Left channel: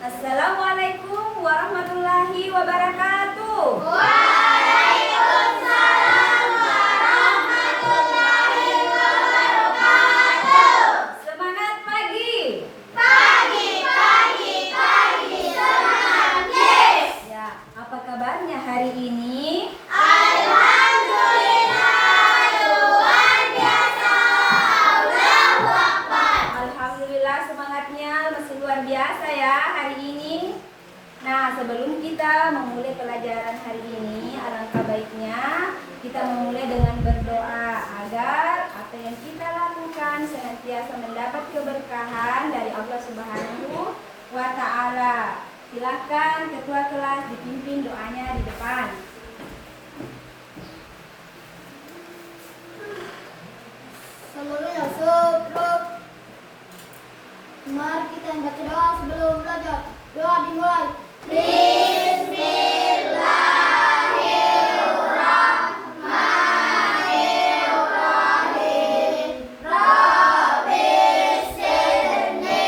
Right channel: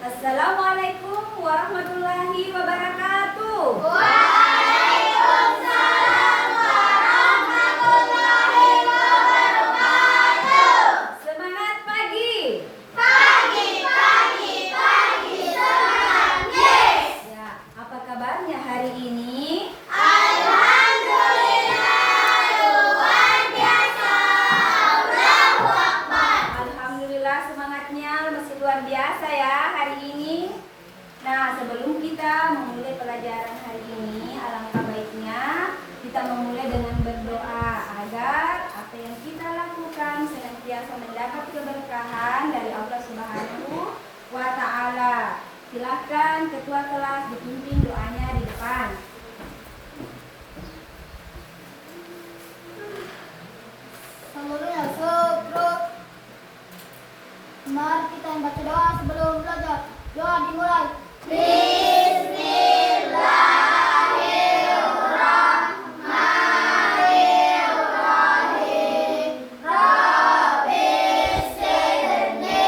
Assalamualaikum warahmatullahi wabarakatuh. Waalaikumsalam warahmatullahi wabarakatuh. Semangat pagi. Pagi, pagi, pagi, semangat, yes. Ya, apa kabarnya hari ini? Alhamdulillah, luar biasa. Allahu Akbar. Alhamdulillah semangatnya masih luar biasa ya hari ini. Nah, sebelum kita memulai pelajaran hari ini, alangkah baiknya kita memulai dengan berdoa agar apa yang kita lakukan senantiasa mendapat keberkahan dari Allah Subhanahu wa Ta'ala. Silakan ketua kelas dipimpin doanya di depan. Sebelumnya syukur. Mari kita baca doa sebelum belajar. Doa dimulai. Bismillahirrahmanirrahim. Rabbi sirni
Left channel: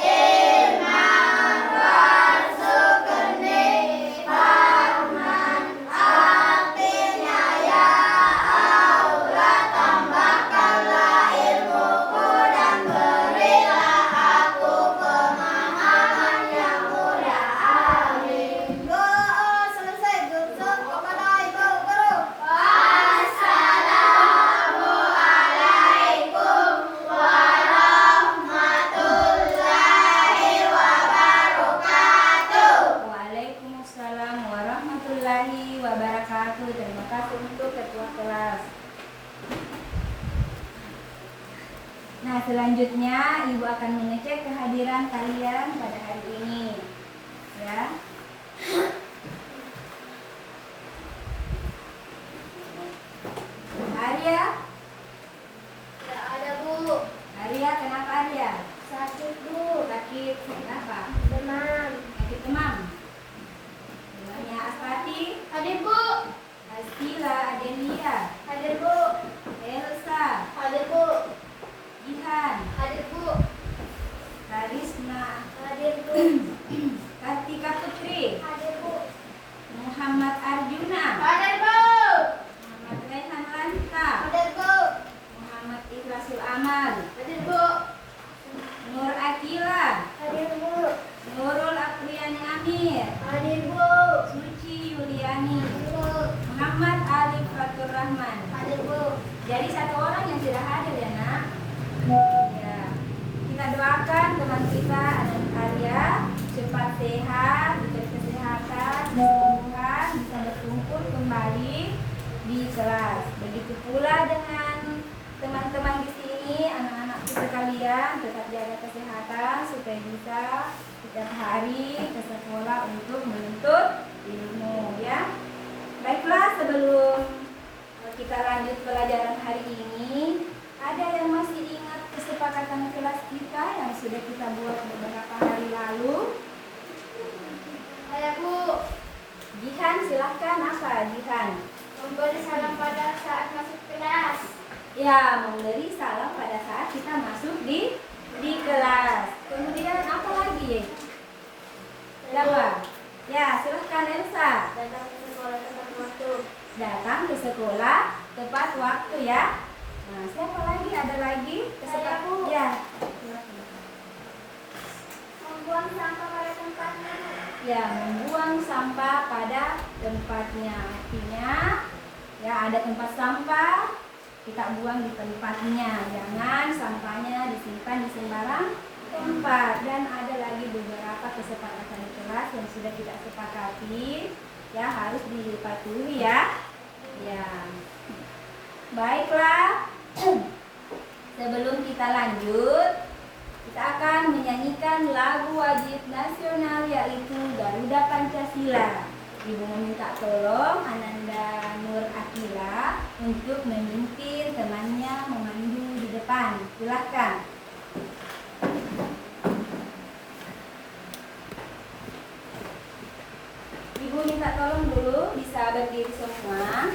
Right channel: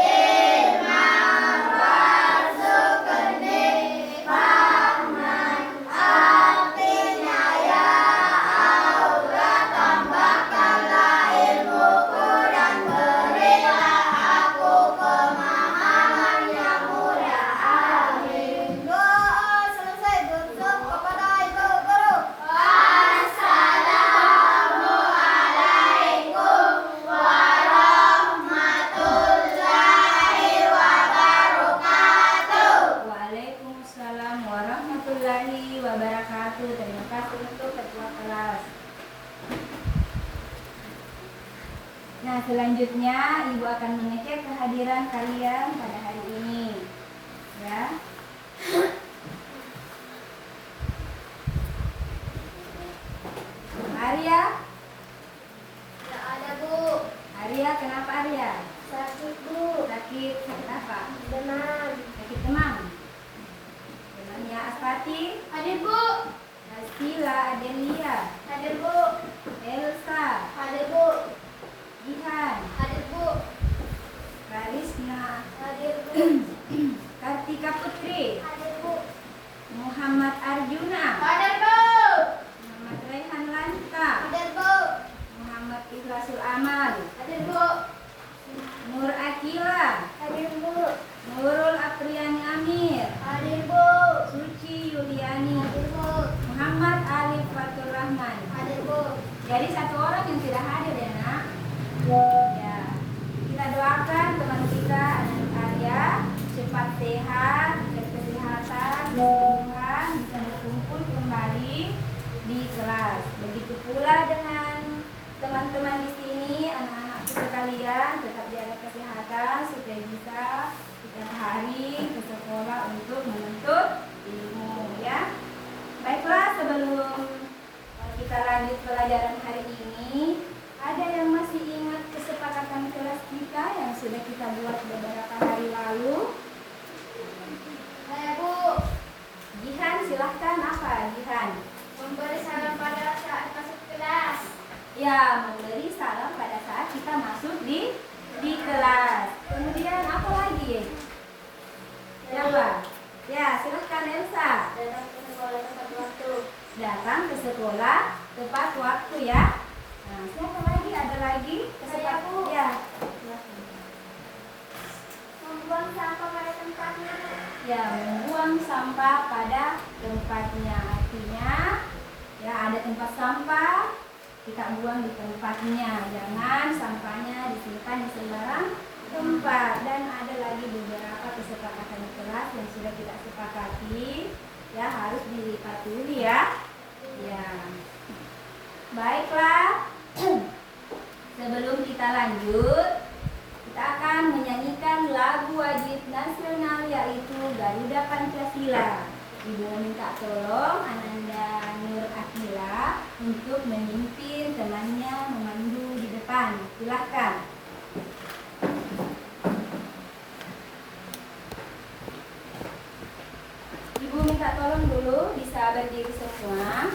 ilman warzuqni fahman. Artinya ya Allah, tambahkanlah ilmuku dan berilah aku pemahaman yang mudah. Amin. Doa selesai, berdoa kepada ibu guru. Assalamualaikum warahmatullahi wabarakatuh. Waalaikumsalam warahmatullahi wabarakatuh. Terima kasih untuk ketua kelas. Nah, selanjutnya Ibu akan mengecek kehadiran kalian pada hari ini. Ya. Arya, Tidak ada, Bu. Arya kenapa Arya? Sakit, Bu. Sakit apa? Demam. Sakit demam. Demamnya Aspati, Hadir, Bu. Astila, Adelia, Hadir, Bu. Elsa, Hadir, Bu. Ihan, Hadir, Bu. Karisna, Hadir, Bu. Kartika Putri, Hadir, Bu. Muhammad Arjuna, Hadir, Bu. Muhammad Raihan Lanta, Hadir, Bu. Muhammad Ikhlasul Amal, Hadir, Bu. Nur Akila, Hadir, Bu. Nurul Apriyani Amir, Hadir, Bu. Suci Yuliani, Hadir, Bu. Muhammad Alif Fatur Rahman. Hadir, Bu. Jadi satu orang yang tidak hadir ya nak. Ya, kita doakan teman kita Anak Arya cepat sehat, diberi kesehatan, kesembuhan, bisa berkumpul kembali di kelas. Begitu pula dengan teman-teman di sini, anak-anakku sekalian, tetap jaga kesehatan supaya bisa setiap hari ke sekolah untuk menuntut ilmu ya. Baiklah, sebelum kita lanjut pelajaran hari ini, ada yang masih ingat kesepakatan kelas kita yang sudah kita buat beberapa hari lalu? Saya, Bu. Jihan, silahkan. Apa Jihan? Memberi salam pada saat masuk kelas. Ya, memberi salam pada saat kita masuk di kelas. Kemudian apa lagi? Siapa? Ya, silahkan Elsa. Datang ke sekolah tepat waktu. Datang ke sekolah tepat waktu ya. Nah, siapa lagi? Ada lagi? Saya, Bu. Ya. Membuang sampah pada tempatnya. Ya, membuang sampah pada tempatnya. Artinya, ya ada tempat sampah, kita buang di tempatnya. Jangan sampahnya disimpan di sembarang tempat. Dan ada lagi beberapa kesepakatan kelas yang sudah kita sepakati, ya harus dipatuhi ya. Ya. Baiklah. Sebelum kita lanjut, kita akan menyanyikan lagu wajib nasional yaitu Garuda Pancasila. Ibu meminta tolong Ananda Nur Akila untuk memimpin temannya memandu di depan. Silahkan. Ibu minta tolong dulu bisa berdiri semua.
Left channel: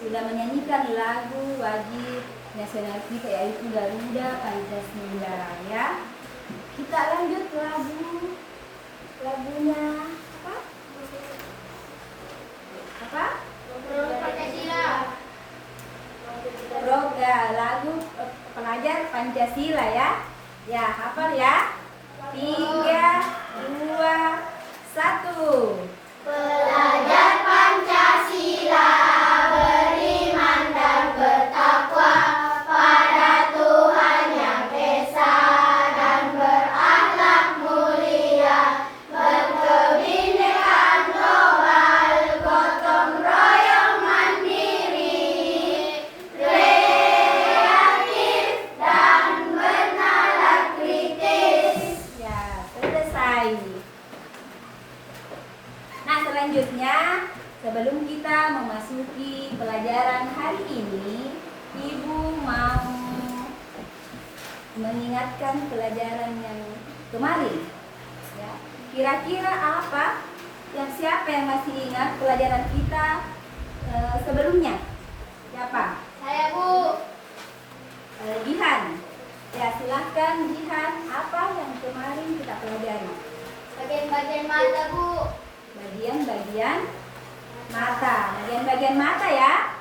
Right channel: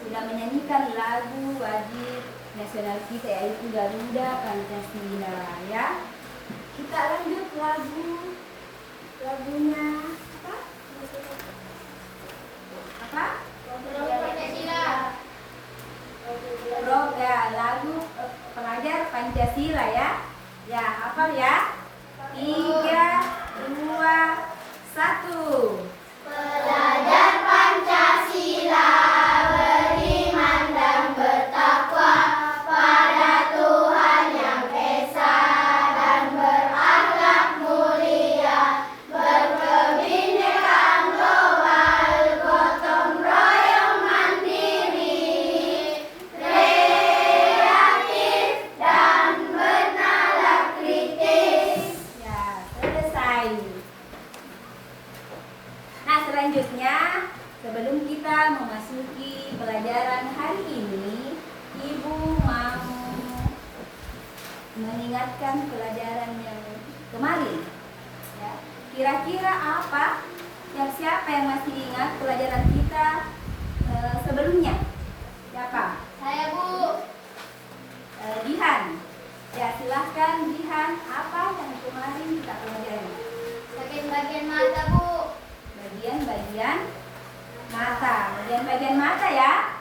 sudah menyanyikan lagu wajib nasional kita yaitu Garuda Pancasila ya. Kita lanjut lagunya apa? Apa? Pancasila. Lagu pelajar Pancasila ya. Ya, hafal ya. 3, 2, 1. Pelajar Pancasila beriman dan bertakwa pada Tuhan Yang Esa dan berakhlak mulia, berkebinekaan global, gotong royong mandiri, kreatif dan bernalar kritis. Ya, selesai. Nah, selanjutnya sebelum kita memasuki pelajaran hari ini, Ibu mau mengingatkan pelajaran yang kemarin. Ya. Kira-kira apa? Siapa yang masih ingat pelajaran kita sebelumnya? Siapa? Saya, Bu. Jihan. Ya, silahkan Jihan. Apa yang kemarin kita pelajari? Bagian-bagian mata, Bu. Bagian-bagian mata. Bagian-bagian mata ya.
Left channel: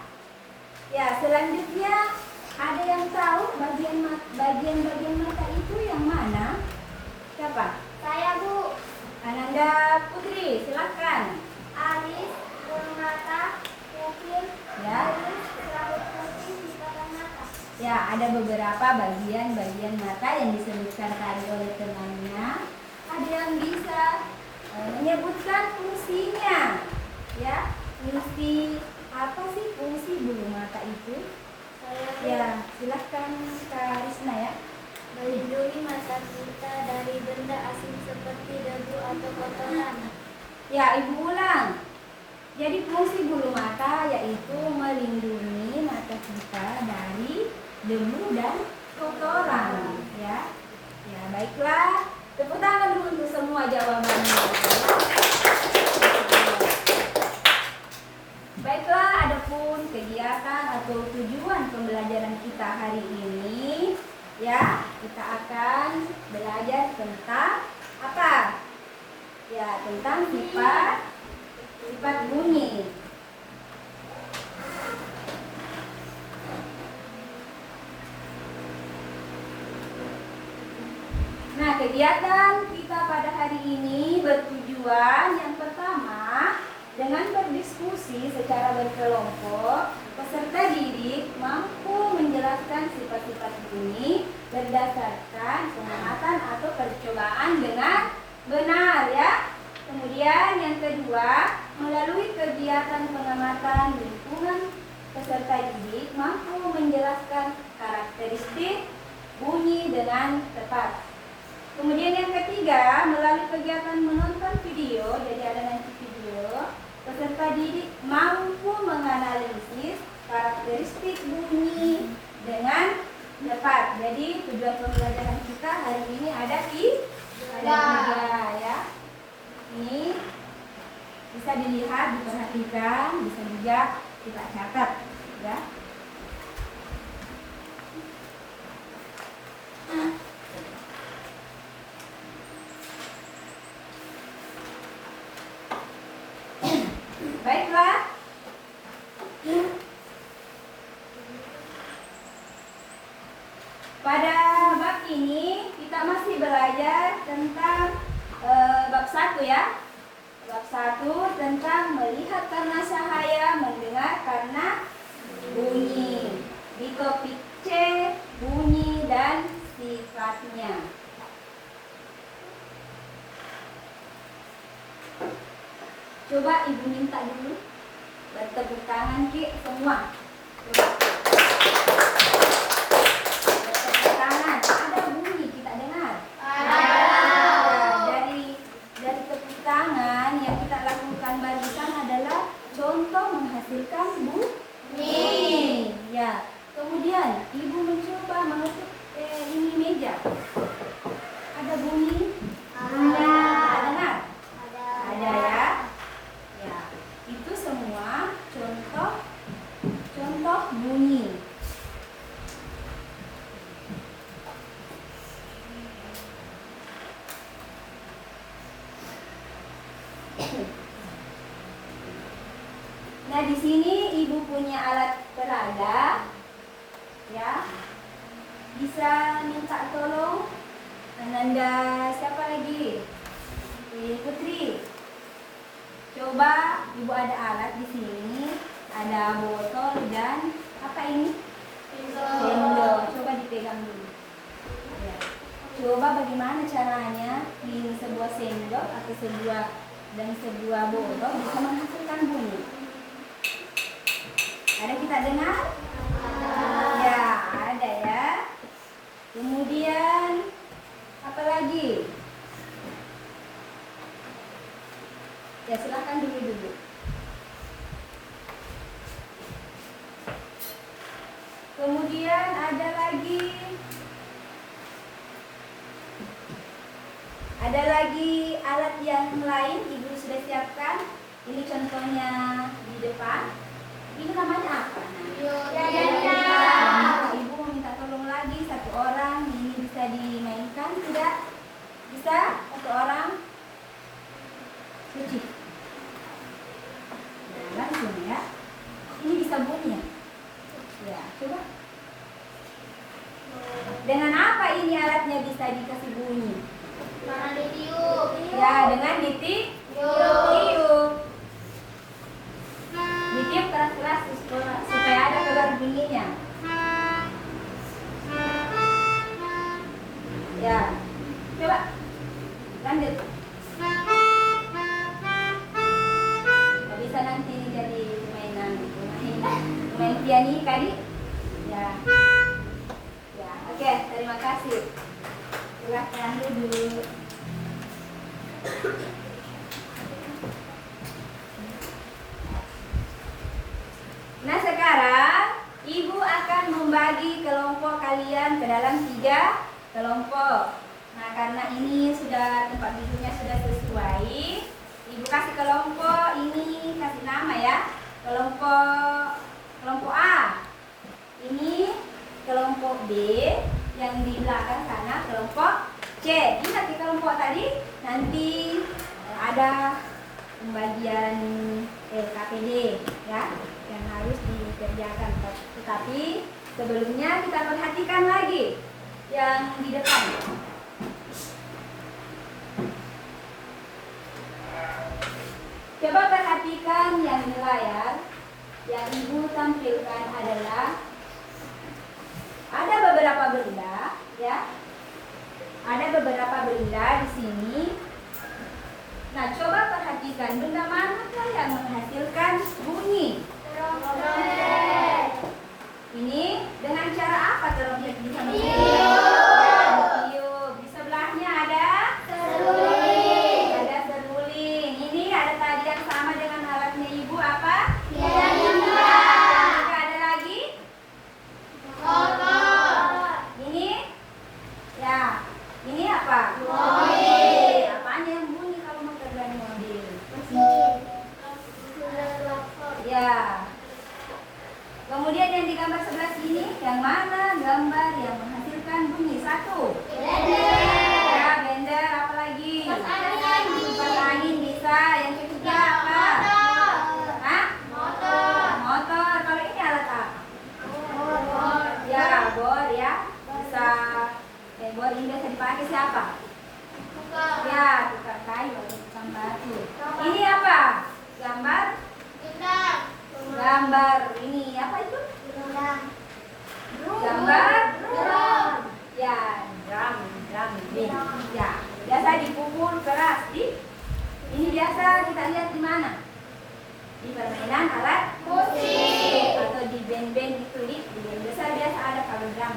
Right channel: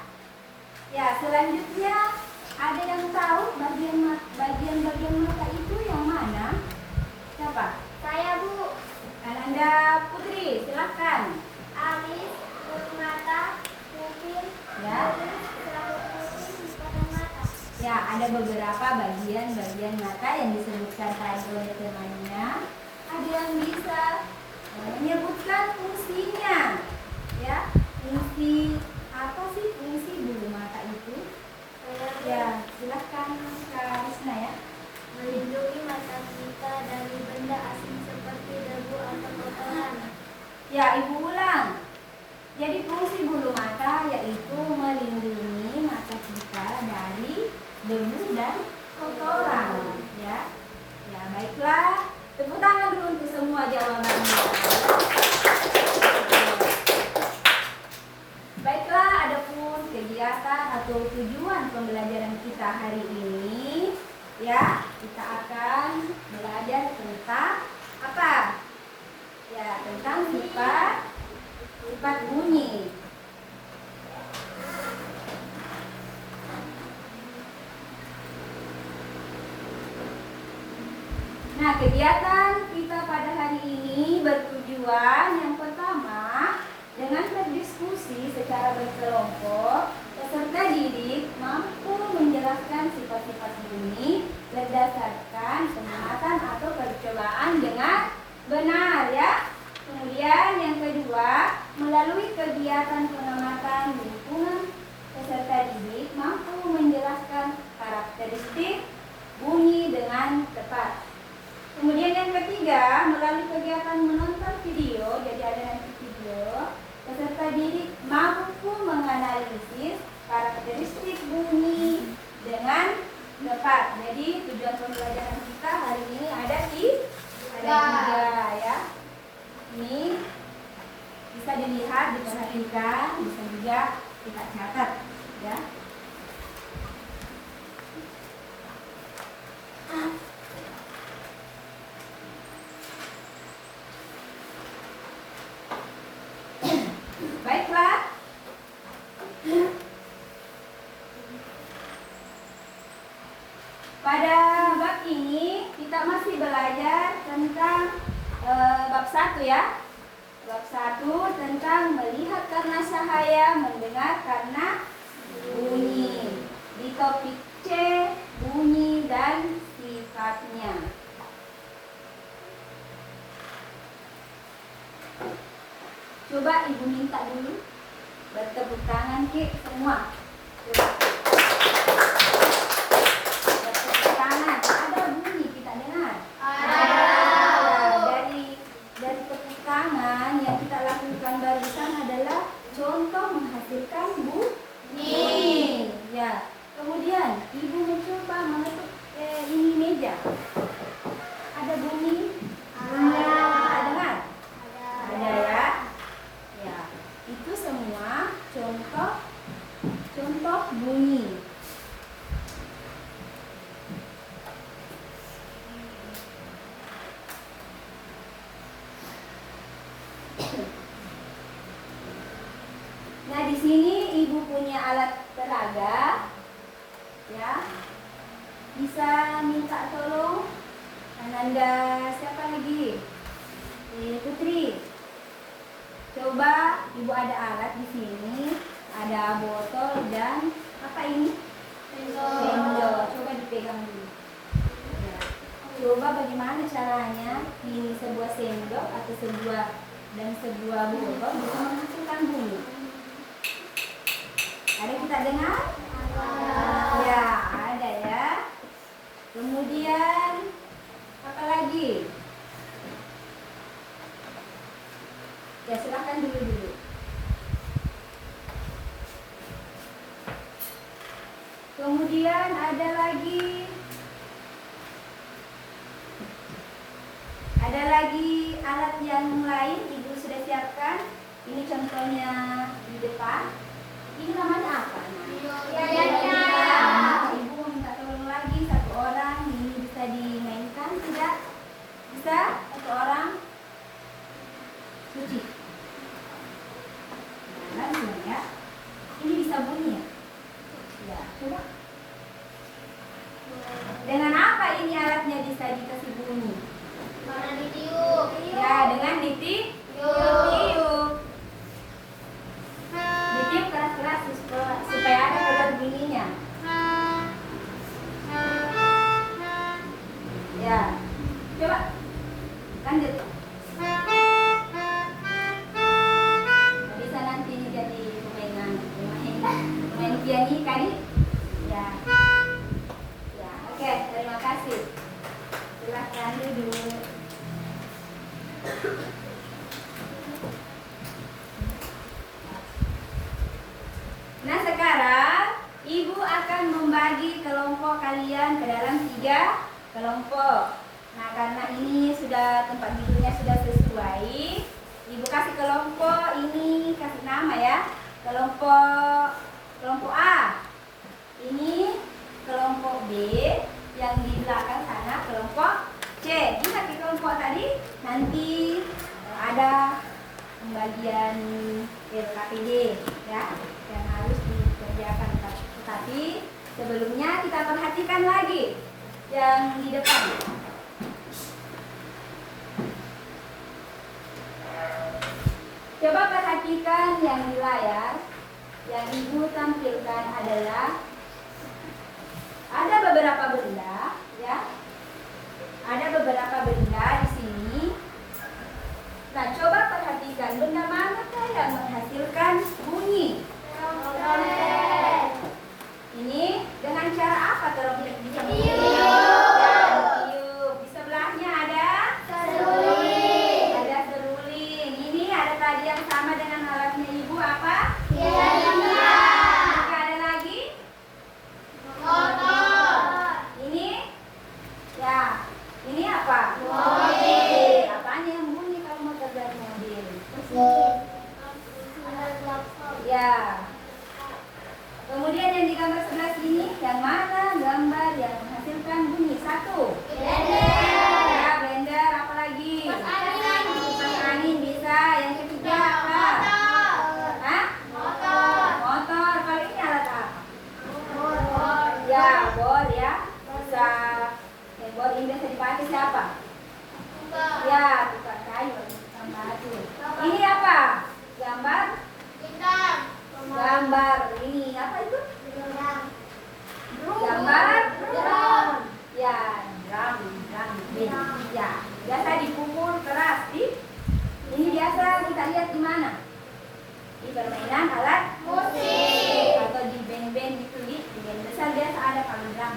Ya, selanjutnya ada yang tahu bagian-bagian mata itu yang mana? Siapa? Saya, Bu. Ananda Putri, silahkan. Alis, bermata, pupil, Ya. iris, serabut putih di pada mata. Ya, ada beberapa bagian-bagian mata yang disebutkan tadi oleh temannya. Ada yang bisa menyebutkan fungsinya. Ya, fungsi apa sih fungsi bulu mata itu? Saya, Bu. Ya, silahkan Kak Risna ya. Melindungi mata kita dari benda asing seperti debu atau kotoran. Ya, Ibu ulang. Jadi fungsi bulu mata yaitu melindungi mata kita dari debu dan kotoran. Ya, ya baiklah. Tepuk tangan dulu untuk semua jawabannya. Baiklah, adapun kegiatan atau tujuan pembelajaran kita hari ini, ya, kita akan belajar tentang apa? Ya, tentang sifat bunyi. Nah, kegiatan kita pada hari ini bertujuan yang pertama, dengan berdiskusi secara berkelompok, peserta didik mampu menjelaskan sifat-sifat bunyi berdasarkan pengamatan atau percobaan dengan benar ya. Kemudian yang kedua, melalui kegiatan pengamatan lingkungan, peserta didik mampu menjelaskan karakteristik bunyi dengan tepat. Kemudian yang ketiga, melalui kegiatan menonton video, jadi ada nanti video, peserta didik mampu menganalisis karakteristik bunyi dengan tepat. Jadi tujuan pembelajaran kita hari ini ada tiga ya. Ini bisa dilihat, diperhatikan, bisa juga kita catat ya. Baiklah. Pada bab ini kita masih belajar tentang bab 1 ya. Bab 1 tentang melihat karena cahaya, mendengar karena bunyi. Di topik C, bunyi dan sifatnya. Coba Ibu minta dulu bertepuk tangan Ki semua. Coba. Bertepuk tangan. Ada bunyi kita dengar? Dari tepuk tangan yang kita lakukan barusan adalah contoh menghasilkan bunyi. Ya. Kemudian Ibu mencoba mengetuk ini meja. Ada bunyi? Ada. Dengar? Ada ya. Ya, itu semua contoh sini ibu punya alat peraga, ya. Bisa minta tolong Ananda, siapa lagi? Putri. Coba ibu ada alat di sini, ada botol dan apa ini? Sendok. Coba dipegang dulu. Ya. Coba bagaimana caranya di sebuah sendok atau sebuah botol bisa menghasilkan bunyi. Ada kita dengar? Ya, ada ya. Kemudian apa lagi? Ya, silahkan dulu. Kemudian ada lagi alat yang lain ibu sudah siapkan. Ini contohnya di depan. Ini namanya apa? Ibu minta tolong lagi satu orang. Ini bisa dimainkan tidak? Bisa? Satu orang cuci. Nah, langsung ya. Ini bisa bunyi. Ya, coba. Dengan apa ini alatnya bisa dikasih bunyi? Warna ditiup. Ya, dengan ditiup. Ditiup keras-keras supaya ada keluar bunyinya. Ya, coba lanjut. Bisa nanti jadi pemain piano kali. Ya, ya, oke, terima kasih. Silahkan duduk. Nah, sekarang ibu akan membagi kelompok kalian ke dalam 3 kelompok. Nah, karena ini sudah tempat duduknya sudah sesuai, ibu kasih kelompok ini, kasih nama ya. Kelompok A. Ini kelompok B, yang di belakang sana kelompok C. Ingat di kelompok tadi nanti ada pembagian LKPD ya yang harus dikerjakan. Tetapi sebelumnya kita perhatikan lagi yang di depan. Coba perhatikan yang di layar. Yang ibu tampilkan adalah ada beberapa benda ya. Ada beberapa benda di sini. Nah, coba perhatikan benda manakah yang menghasilkan bunyi? Trompet. Ini dengan cara apa trompet bisa menghasilkan? Tiup. Di sebelahnya ada Seruling. ada seruling. Ini ada tadi yang sama dengan alatnya ibu apa? Piano. Juga ada lagi? Motor. Ini? Ya. Ini apa? Mobil. Apanya yang bunyi kalau motor dan mobil? Mesin. Ya. Kemudian yang digambar sebelah sini, yang mana gambar yang menghasilkan bunyi? 1. Blender. Ya, blender. Apa lagi? Kipas angin bisa. Yang ketiga apa? Hah? Motor. Kalau ini alat apa? Ya, bor ya. Bisa. Bor ini biasa dipakai siapa? Ya, tukang kayu, tukang batu. Ini apa? Gambar ini apa itu? Gambar ya, drum band. Ya, biasa dipukul keras. Ini biasa kita lihat di mana? Di permainan alat musik atau di band-band itu, di band besar biasa ada kalau drum.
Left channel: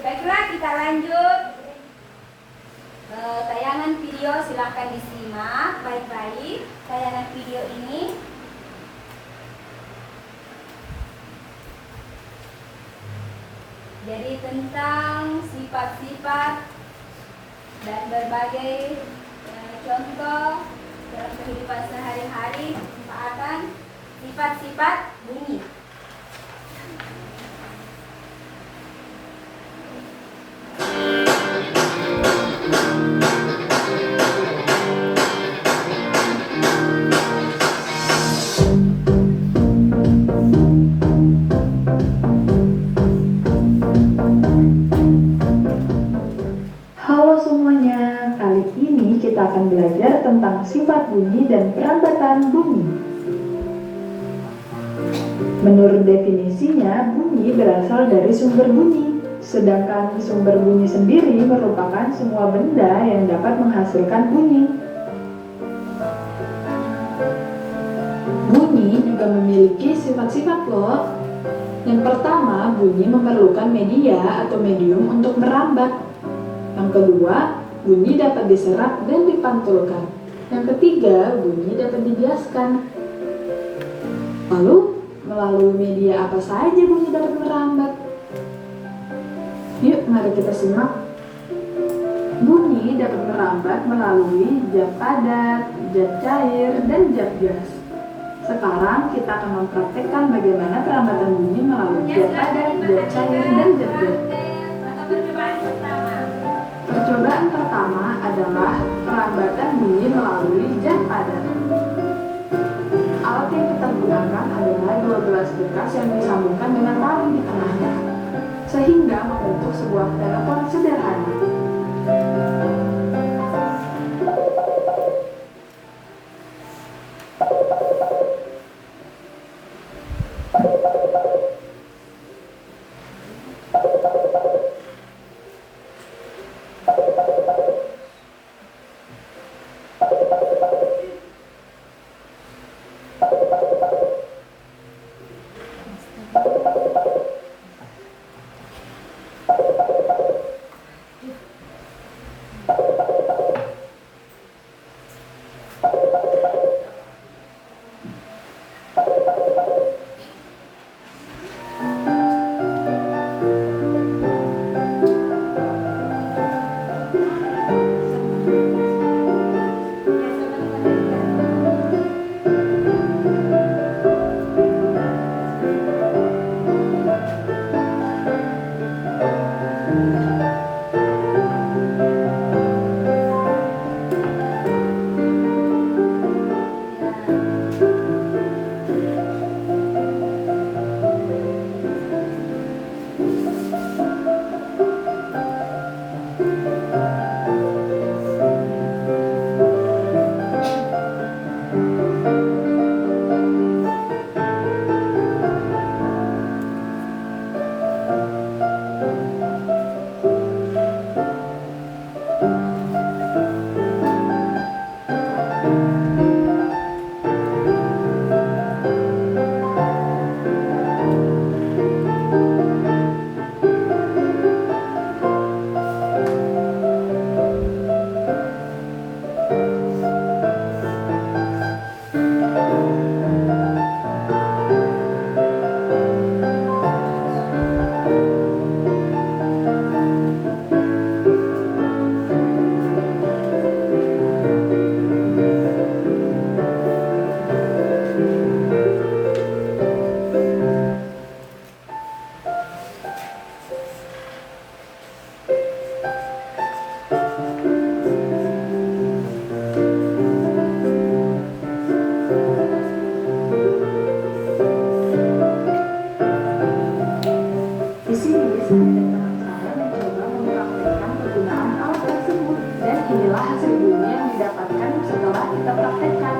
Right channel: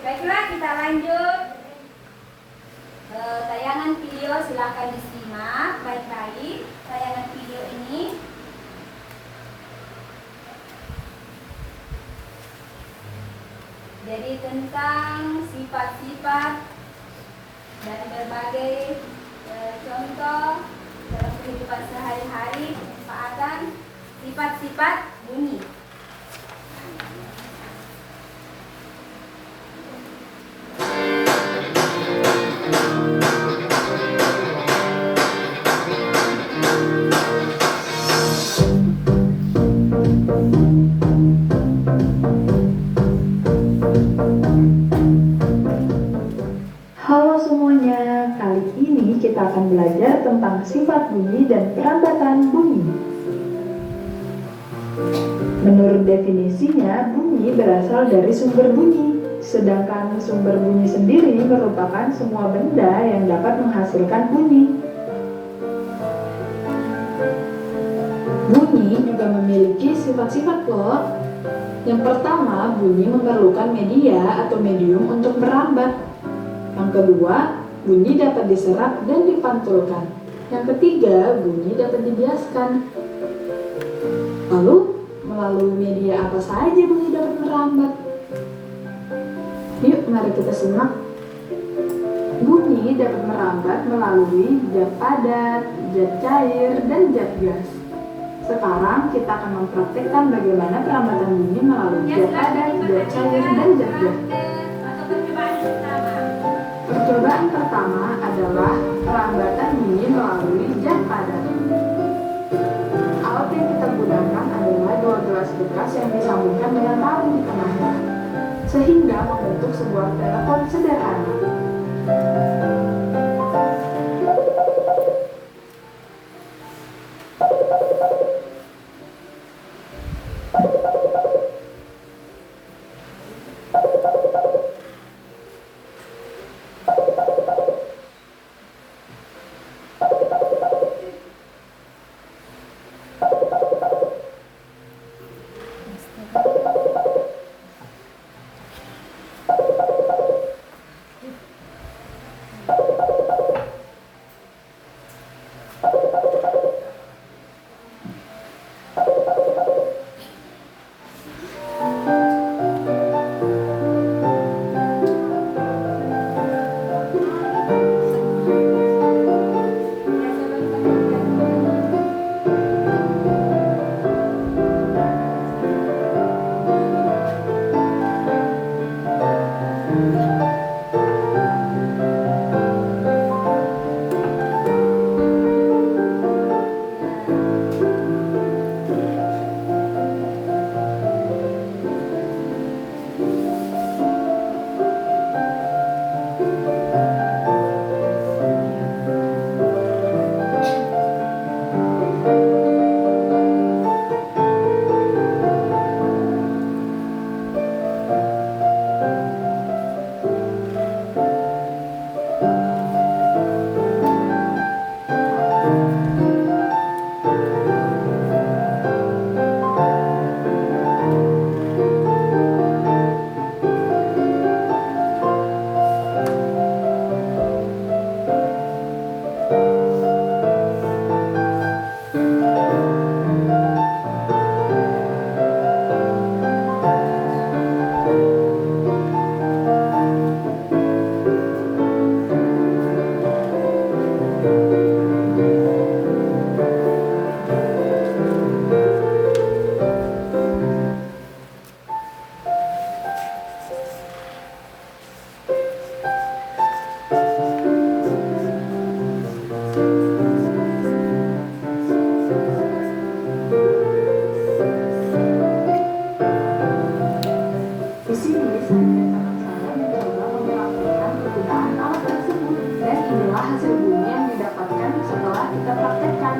Baiklah, kita lanjut. Tayangan video silakan disimak baik-baik. Tayangan video ini jadi tentang sifat-sifat dan berbagai contoh dalam kehidupan sehari-hari, manfaatan sifat-sifat bunyi. belajar tentang sifat bunyi dan perambatan bunyi. Menurut definisinya, bunyi berasal dari sumber bunyi, sedangkan sumber bunyi sendiri merupakan semua benda yang dapat menghasilkan bunyi. Bunyi juga memiliki sifat-sifat loh. Yang pertama, bunyi memerlukan media atau medium untuk merambat. Yang kedua, bunyi dapat diserap dan dipantulkan. Yang ketiga, bunyi dapat dibiaskan. Lalu, melalui media apa saja bunyi dapat merambat? Yuk, mari kita simak. Bunyi dapat merambat melalui zat padat, zat cair, dan zat gas. Sekarang kita akan mempraktekkan bagaimana perambatan bunyi melalui zat padat, zat cair, dan zat gas. Percobaan pertama adalah perambatan bunyi melalui zat padat. Alat yang kita gunakan adalah dua gelas bekas yang disambungkan dengan tali di tengahnya, sehingga membentuk sebuah telepon sederhana. Di sini saya mencoba mempraktikkan penggunaan alat tersebut, dan inilah hasil bunyi yang didapatkan setelah kita praktekkan.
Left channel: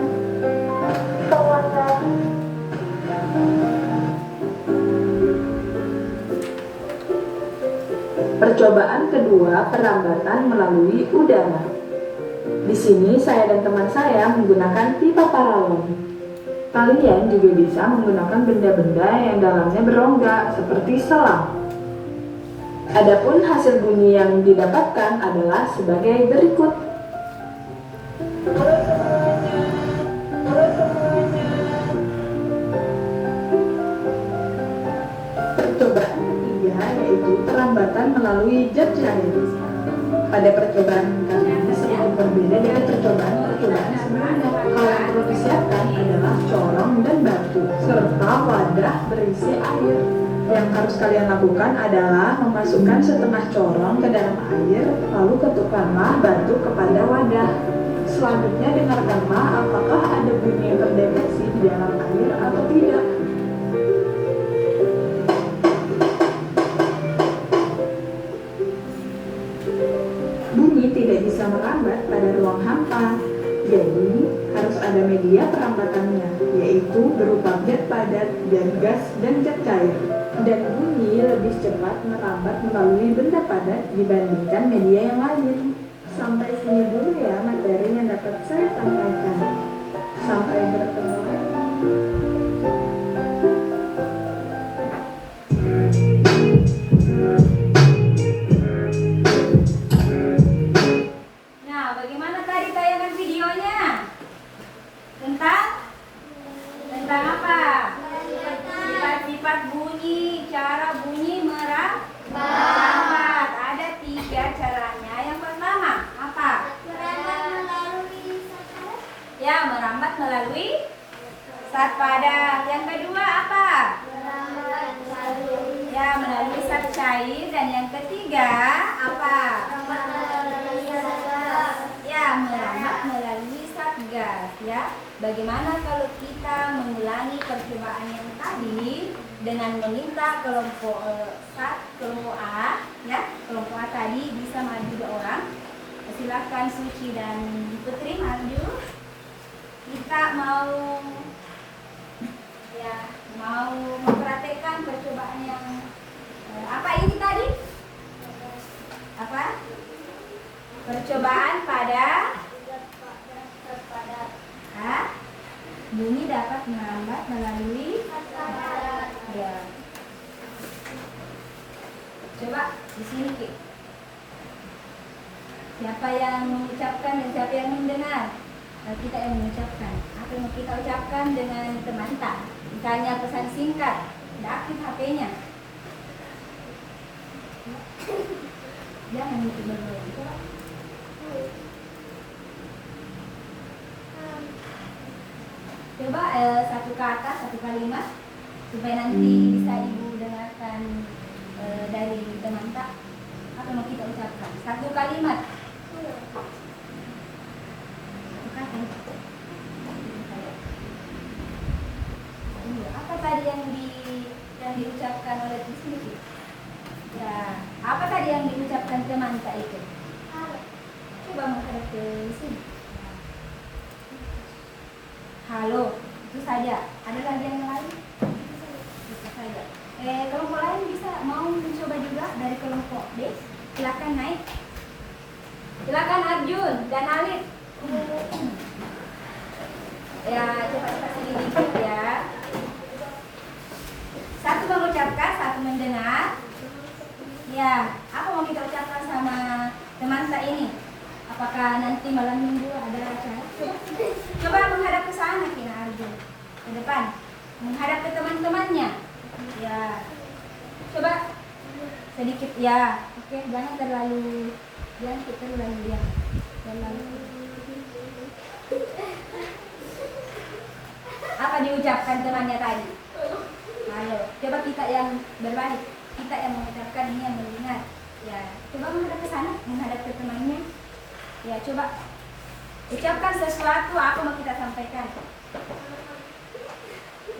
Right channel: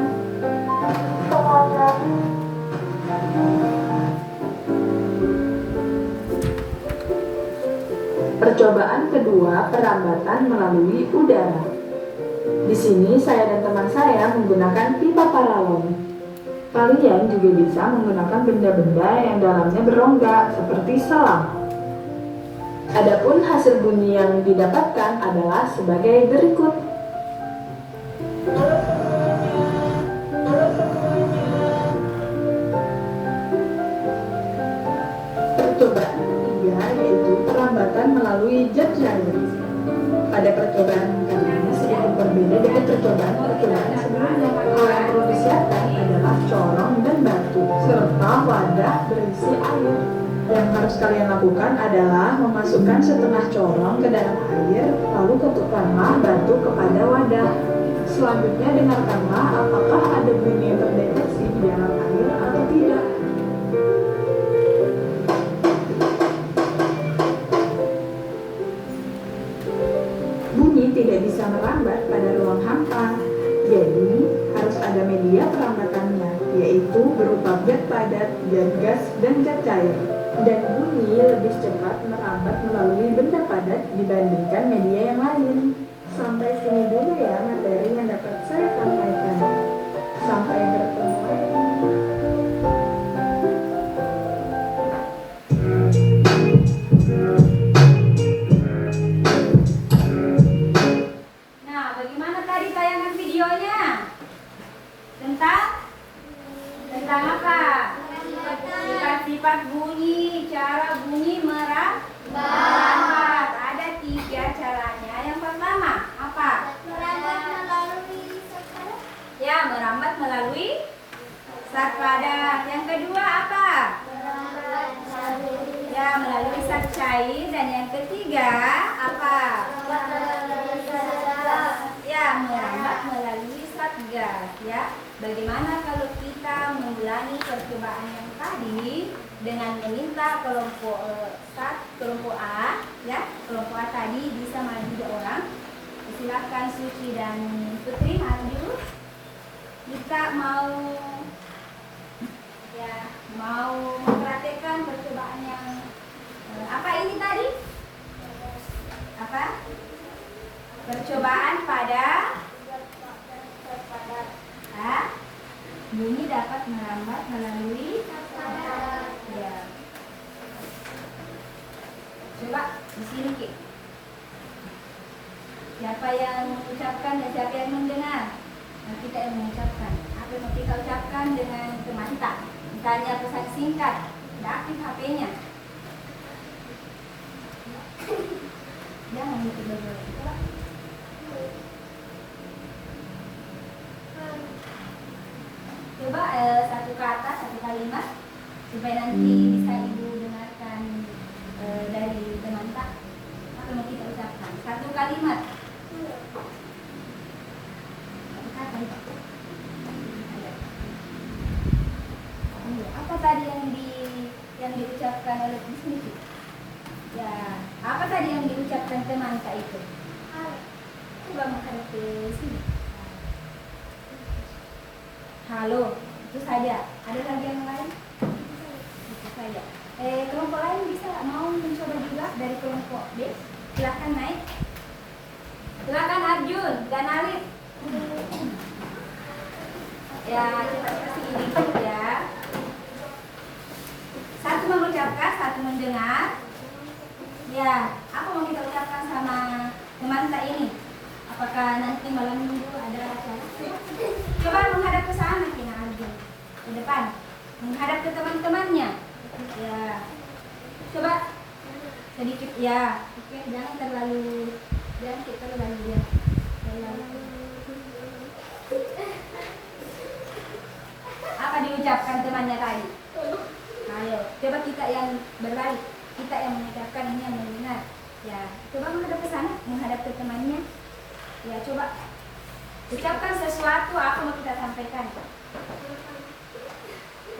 Percobaan kedua, perambatan melalui udara. Di sini saya dan teman saya menggunakan pipa paralon. Kalian juga bisa menggunakan benda-benda yang dalamnya berongga seperti selang. Adapun hasil bunyi yang didapatkan adalah sebagai berikut. Percobaan ketiga yaitu perambatan melalui zat cair. Pada percobaan kali ini sedikit berbeda dari percobaan sebelumnya. Hal yang perlu disiapkan adalah corong dan batu, serta wadah berisi air. Yang harus kalian lakukan adalah memasukkan setengah corong ke dalam air, lalu ketukkanlah batu kepada wadah. Selanjutnya dengarkanlah apakah ada bunyi yang terdeteksi di dalam air atau tidak. Bunyi tidak bisa bisa merambat pada ruang hampa. Jadi, harus ada media perambatannya, yaitu berupa zat padat, zat gas, dan zat cair. Dan bunyi lebih cepat merambat melalui benda padat dibandingkan media yang lain. Sampai sini dulu ya materi yang dapat saya sampaikan. Sampai bertemu lagi. Nah, bagaimana tadi tayangan videonya? Tentang apa? Sifat-sifat bunyi, cara bunyi merambat. Ada 3 caranya. Yang pertama, apa? Merambat melalui Ya, merambat melalui zat padat. Yang kedua apa? Ya, melalui zat cair. Dan yang ketiga apa? Ya, merambat melalui zat gas. Ya, bagaimana kalau kita mengulangi percobaan yang tadi dengan meminta kelompok kelompok A, ya, kelompok A tadi bisa maju 2 orang. Silakan Suci dan Putri maju. Kita mau mempraktekkan percobaan yang apa ini tadi? Apa? Percobaan pada bunyi dapat merambat melalui ya. Coba di sini Ki. Siapa yang mengucapkan dan siapa yang mendengar? Dan kita yang mengucapkan. Apa yang mau kita ucapkan dengan teman kita? Misalnya pesan singkat, tidak aktif HP-nya. Jangan itu berbuat. Coba. Coba satu kata, satu kalimat supaya nanti bisa Ibu dengarkan dari teman tak. Apa mau kita ucapkan? Satu kalimat. Satu kata. Apa tadi yang diucapkan oleh Bismillah? Ya, apa tadi yang diucapkan teman tak itu? Coba menghadap ke sini. Halo, itu saja. Ada lagi yang lain? Itu saja. Kelompok lain bisa mau mencoba juga dari kelompok B. Silakan naik. Silakan Arjun dan Alif. Ya, cepat-cepat sedikit ya. Satu mengucapkan, satu mendengar. Ya, apa mau kita ucapkan sama teman kita ini? Apakah nanti malam minggu ada acara? Coba menghadap ke sana, Kina Arjun. Ke depan. Menghadap ke teman-temannya. Ya. Coba sedikit ya. Oke, jangan terlalu ya. Apa diucapkan temannya tadi? Halo. Coba kita yang berbalik. Kita yang mengucapkan, ini yang mendengar. Ya, coba menghadap ke sana, menghadap ke temannya. Ya, coba ucapkan sesuatu, apa mau kita sampaikan?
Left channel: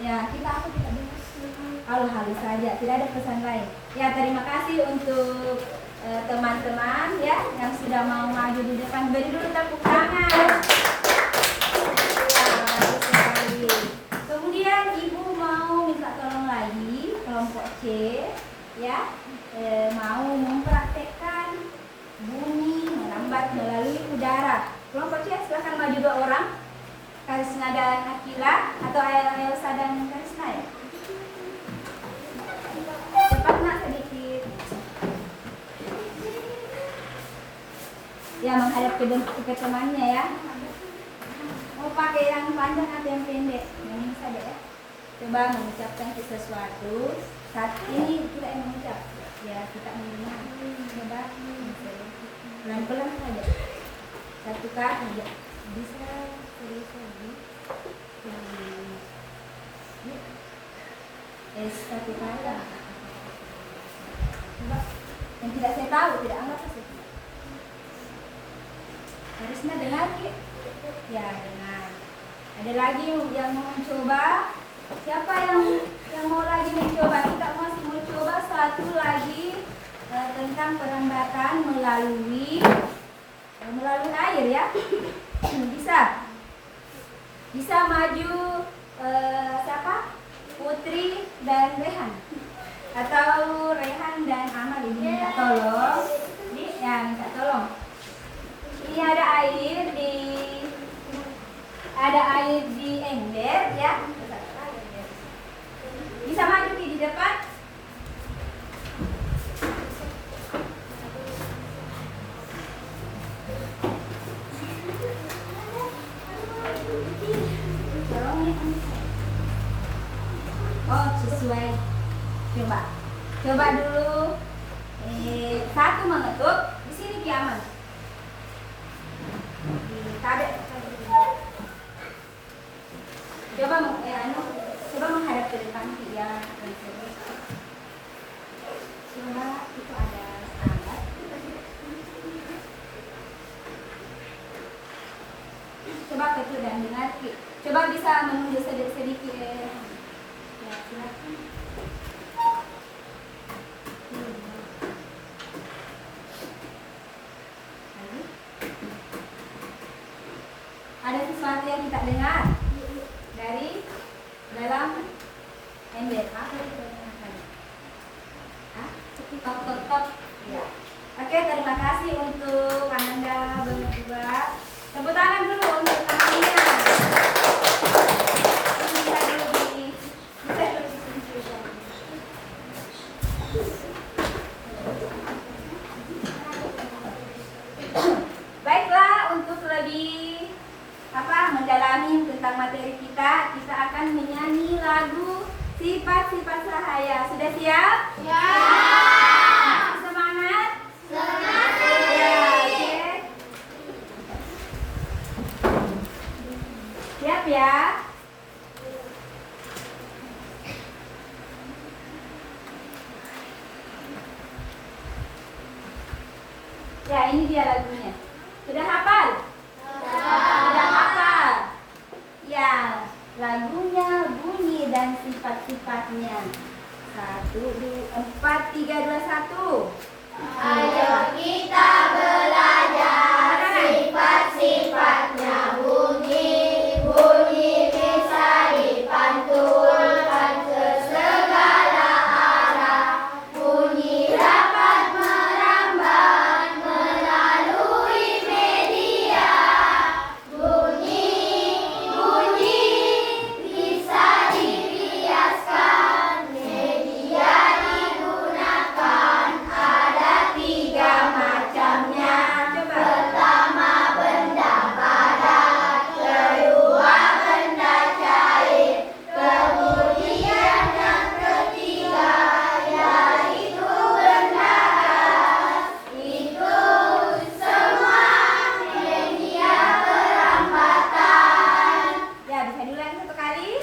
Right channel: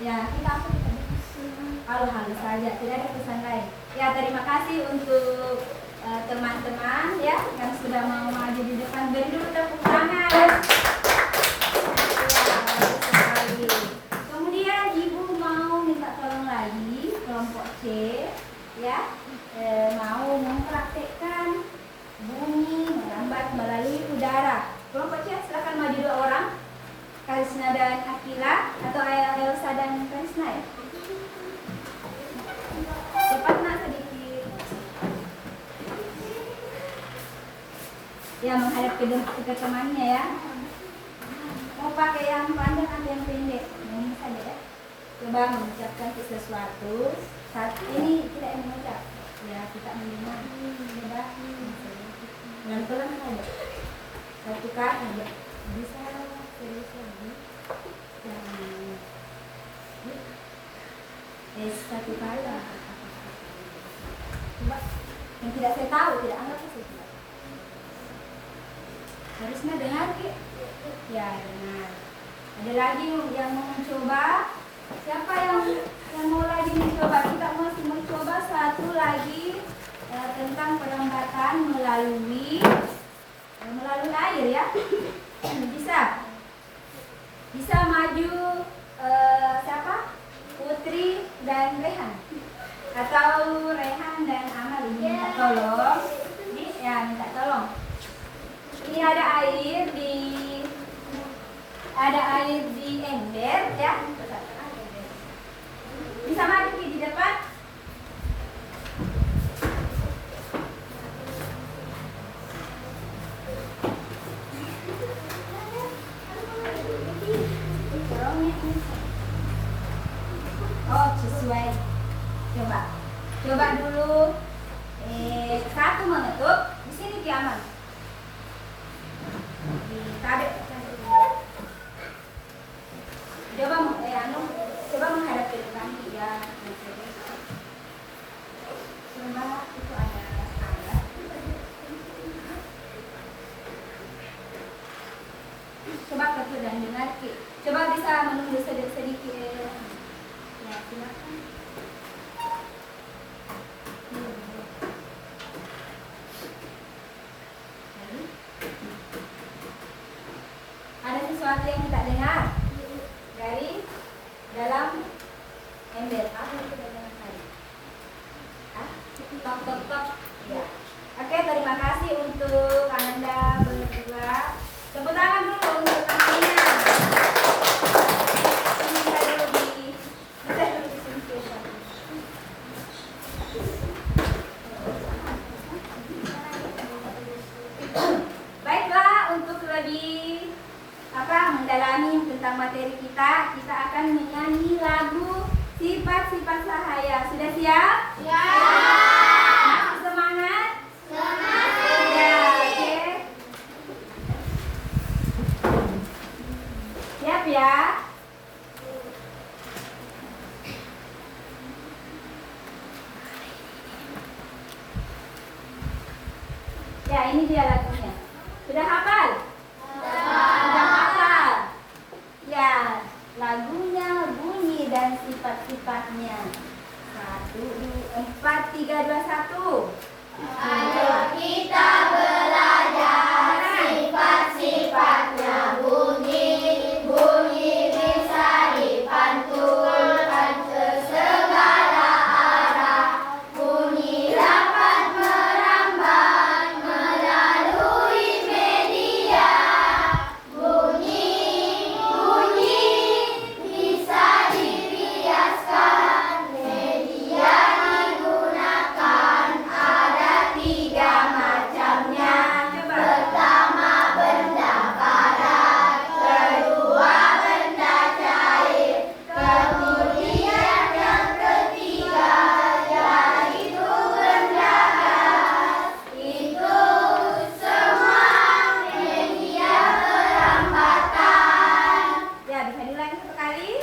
Ya, kita apa kita dengar? Halo-halo saja, tidak ada pesan lain. Ya, terima kasih untuk teman-teman ya yang sudah mau maju di depan. Beri dulu tepuk tangan. Ya, bagus sekali. Kemudian Ibu mau minta tolong lagi kelompok C ya, mau mempraktekkan bunyi merambat melalui udara. Kelompok C silahkan maju 2 orang. Karisna dan Akila atau Elsa dan Karisna ya. Cepat nak sedikit. Ya, menghadap ke temannya ya. Mau pakai yang panjang atau yang pendek? Yang ini saja ya. Coba mengucapkan sesuatu. Saat ini kita yang mengucap. Ya, kita mendengar. Coba pelan-pelan saja. Satu kata aja. Bisa tulis lagi. Yang satu kata. Coba. Yang tidak saya tahu, tidak anggap saya tidak. Harusnya dengar Ki. Ya, dengar. Ada lagi yang mau mencoba? Siapa yang mau lagi mencoba? Kita masih mencoba satu lagi tentang perambatan melalui melalui air ya. Bisa maju siapa? Putri dan Rehan, atau Rehan dan Amal ini minta tolong. Minta tolong. Ini ada air di ember ya. Bisa maju di depan. Oh, sesuai. Coba dulu. Satu mengetuk. Di sini Kiaman. Coba menghadap ke depan ya. Coba itu ada alat. Coba ketuk dan dengar. Coba bisa menunggu sedikit. Ya, silakan. Ada sesuatu yang kita dengar dari dalam ember. Apa itu dengar tadi? Tok. Ya. Oke, terima kasih untuk Anda berdua. Tepuk tangan dulu untuk tamunya. Baiklah, untuk lebih mendalami tentang materi kita akan menyanyi lagu Sifat-Sifat Cahaya. Sudah siap? Ya. Masih semangat? Semangat. Ya, oke. Siap ya? Ya, ini dia lagunya. Sudah hafal? Sudah hafal? Ya, lagunya, bunyi dan sifat-sifatnya. 1, 2, 4, 3, 2, 1. Ayo kita belajar sifat-sifatnya. Bunyi bisa dipantulkan ke segala arah. Bunyi dapat merambat melalui media. Bunyi bisa diriaskan. Media digunakan ada 3 macamnya. Pertama benda padat, kedua benda cair, kemudian yang ketiga yaitu benda gas. Itu semua media perambatan. Ya, bisa diulangi satu kali.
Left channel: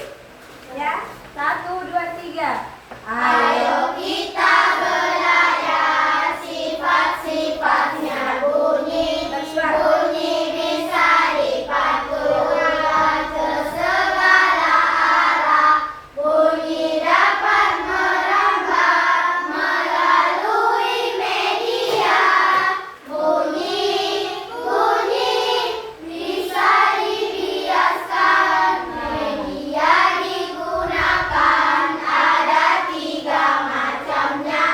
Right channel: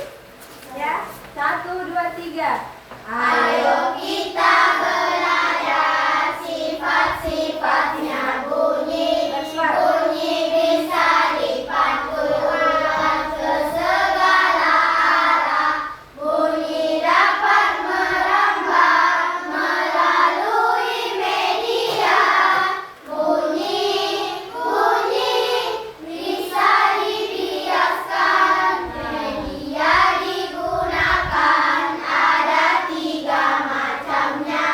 Ya, 1, 2, 3. Ayo kita belajar sifat-sifatnya. Bunyi bisa dipantulkan ke segala arah. Bunyi dapat merambat melalui media. Bunyi bisa diriaskan. Media digunakan ada 3 macamnya.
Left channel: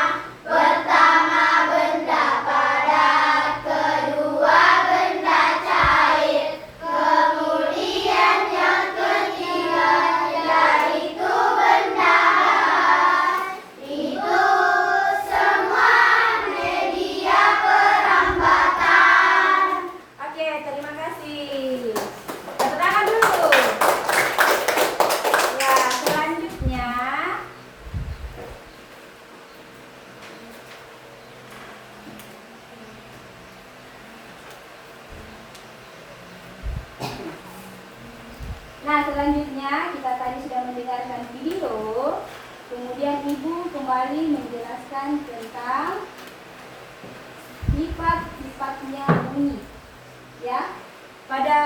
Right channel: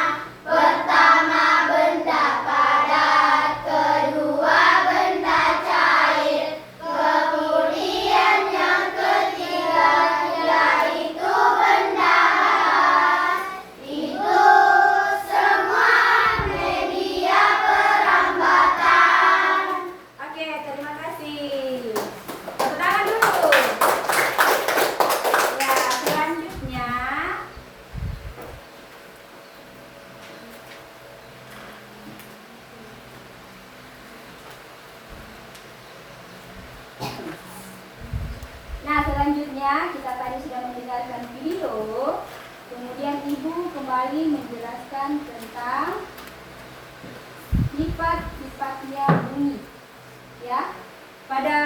Pertama benda padat, kedua benda cair, kemudian yang ketiga yaitu benda gas. Itu semua media perambatan. Oke, terima kasih. Tepuk tangan dulu. Ya, selanjutnya kita tadi sudah mendengarkan video. Kemudian Ibu kembali menjelaskan tentang sifat-sifatnya bunyi. Ya. Pada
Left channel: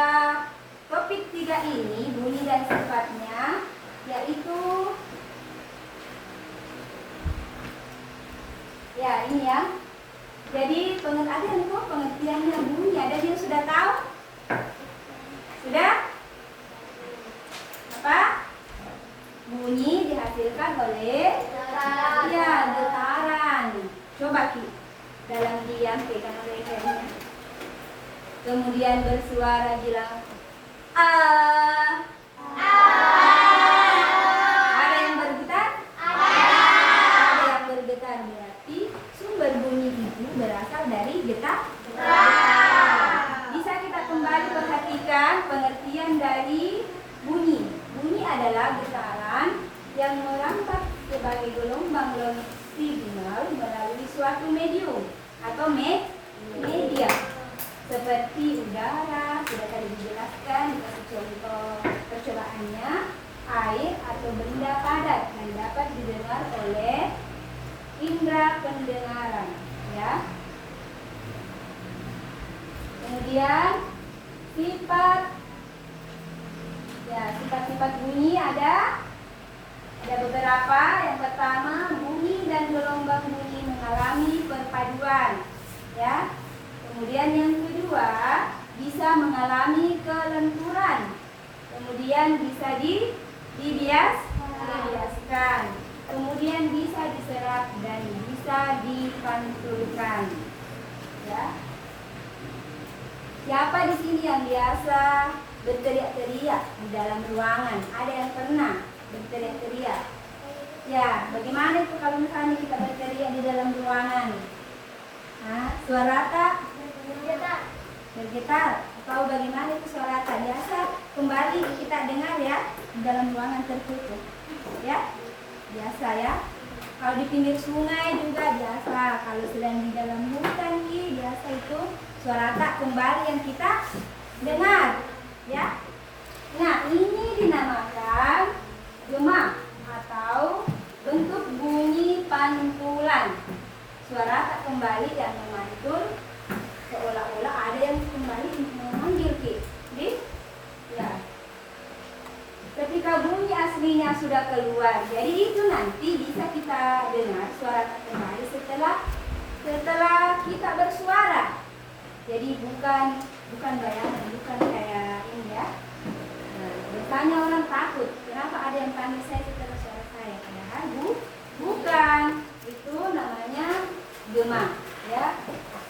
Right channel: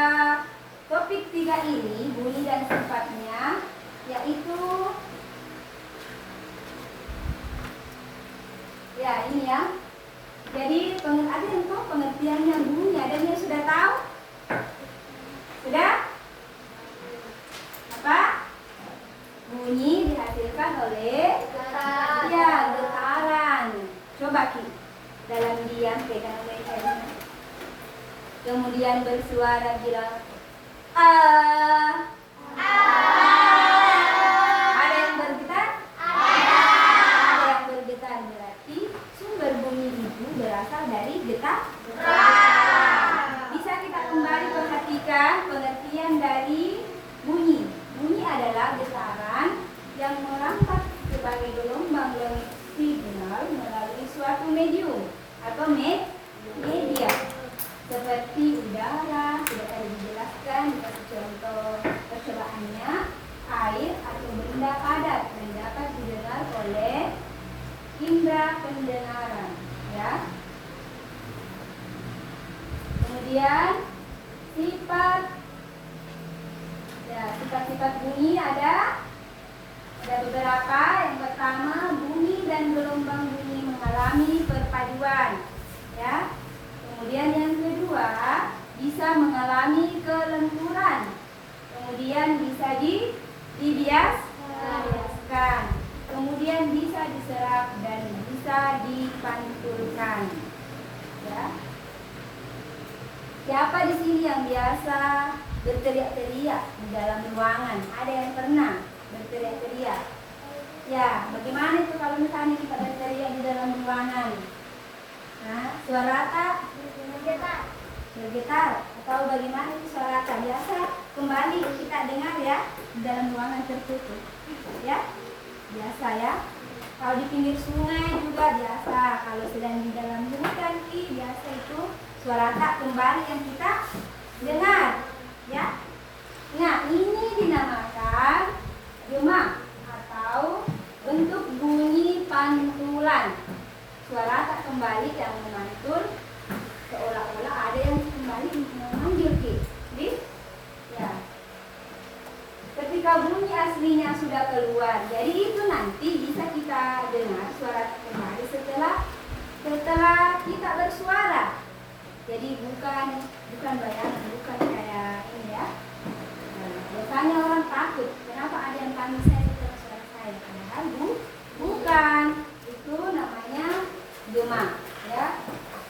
topik 3 ini, bunyi dan sifatnya, yaitu ya ini ya. Jadi ada yang tahu pengertiannya bunyi? Ada yang sudah tahu? Sudah? Apa? Bunyi dihasilkan oleh ya getaran. Coba Ki, dalam diam pegang lehernya. Kemudian bersuara bilang Ada yang bergetar? Ada yang bergetar, berarti sumber bunyi itu berasal dari getar. Bisa kita kembali perhatikan pengertian dari bunyi. Bunyi adalah getaran yang merambat sebagai gelombang signal melalui suatu medium atau media seperti udara, sudah tadi dijelaskan, dikasih contoh percobaannya, air atau benda padat yang dapat didengar oleh indera pendengaran, ya. Kemudian sifat-sifat bunyi ada beberapa. Yang pertama, bunyi dan gelombang bunyi mengalami perpaduan, ya. Kemudian yang kedua, bisa mengalami kelenturan. Kemudian bisa dibiaskan. Kemudian bisa diserap dan bisa dipantulkan. Ya. Siapa di sini yang biasa berteriak-teriak di dalam ruangan? Ada yang pernah berteriak-teriak? Ya, bagaimana itu kalau misalnya kita berteriak di dalam ruangan? Nah, suara tak? Bergetar. Tahu bagaimana itu suara tak? Biasa kembali kita dengar ya di dalam ruangan tertutup. Ya, biasa ya. Kalau di pinggir sungai juga biasa. Kalau sedang di dalam hutan biasa itu suara tak kembali yang kita dengar. Ya. Nah, ini dinamakan gema atau bentuk bunyi pantulan. Suara tak kembali yang memantul, seolah-olah ada yang kembali memanggil ya. Ketika bunyi aslinya sudah keluar, jadi itu nanti bisa kita dengar suara tak kembali setelah kita bersuara. Jadi bukan bayangan, bukan kayak ini ya. Biasanya orang takut, kenapa ada yang panggil saya setelah suara saya? Padahal bukan. Itu namanya gema, ya.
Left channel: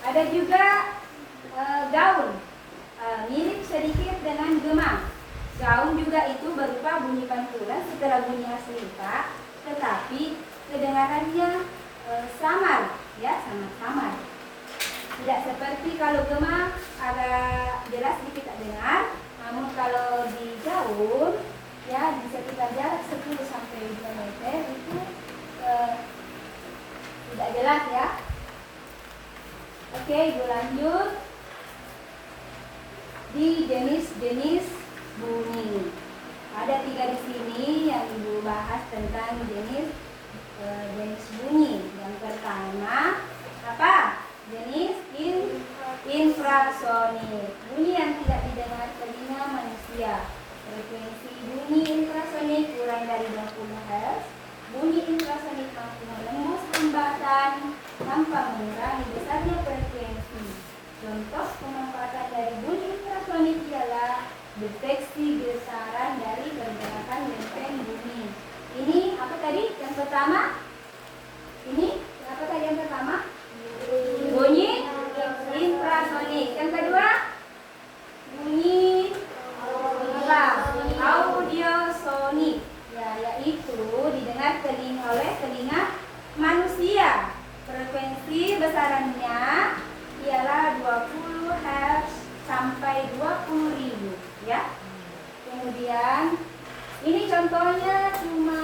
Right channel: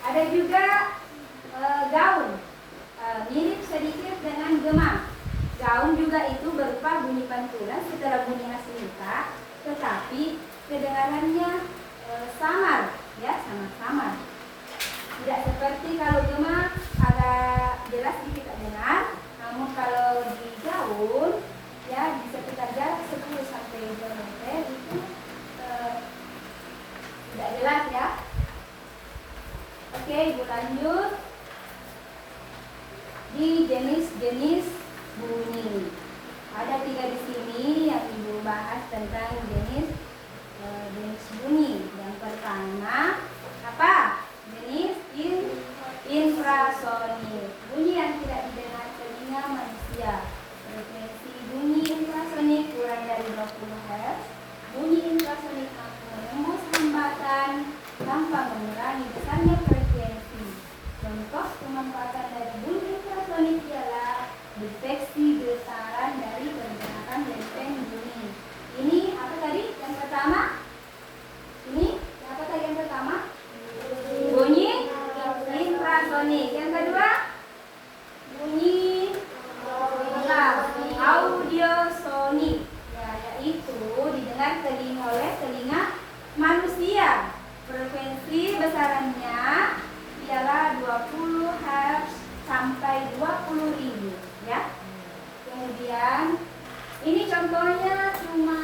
Ada juga gaun, mirip sedikit dengan gema. Gaun juga itu berupa bunyi pantulan setelah bunyi asli Pak, tetapi kedengarannya samar, ya, samar. Tidak seperti kalau gema agak jelas kita dengar, namun kalau di gaun, ya, di sekitar jarak 10 sampai 2 meter itu tidak jelas ya. Oke, Ibu lanjut di jenis-jenis bunyi. Ada 3 di sini yang Ibu bahas tentang jenis bunyi. Yang pertama apa? Jenis infrasonik. Bunyi yang tidak didengar telinga manusia. Frekuensi bunyi infrasonik kurang dari 20 Hz. Bunyi infrasonik mampu menembus hambatan tanpa mengurangi besarnya frekuensi. Contoh pemanfaatan dari bunyi infrasonik adalah deteksi getaran dari pergerakan lempeng bumi. Ini apa tadi? Yang pertama? Ini apa tadi yang pertama? Bunyi infrasonik. Yang kedua? Bunyi audiosonik. Ya, yaitu didengar oleh telinga manusia. Frekuensi besarannya ialah 20 Hz sampai 20.000, ya. Kemudian ini contohnya cuma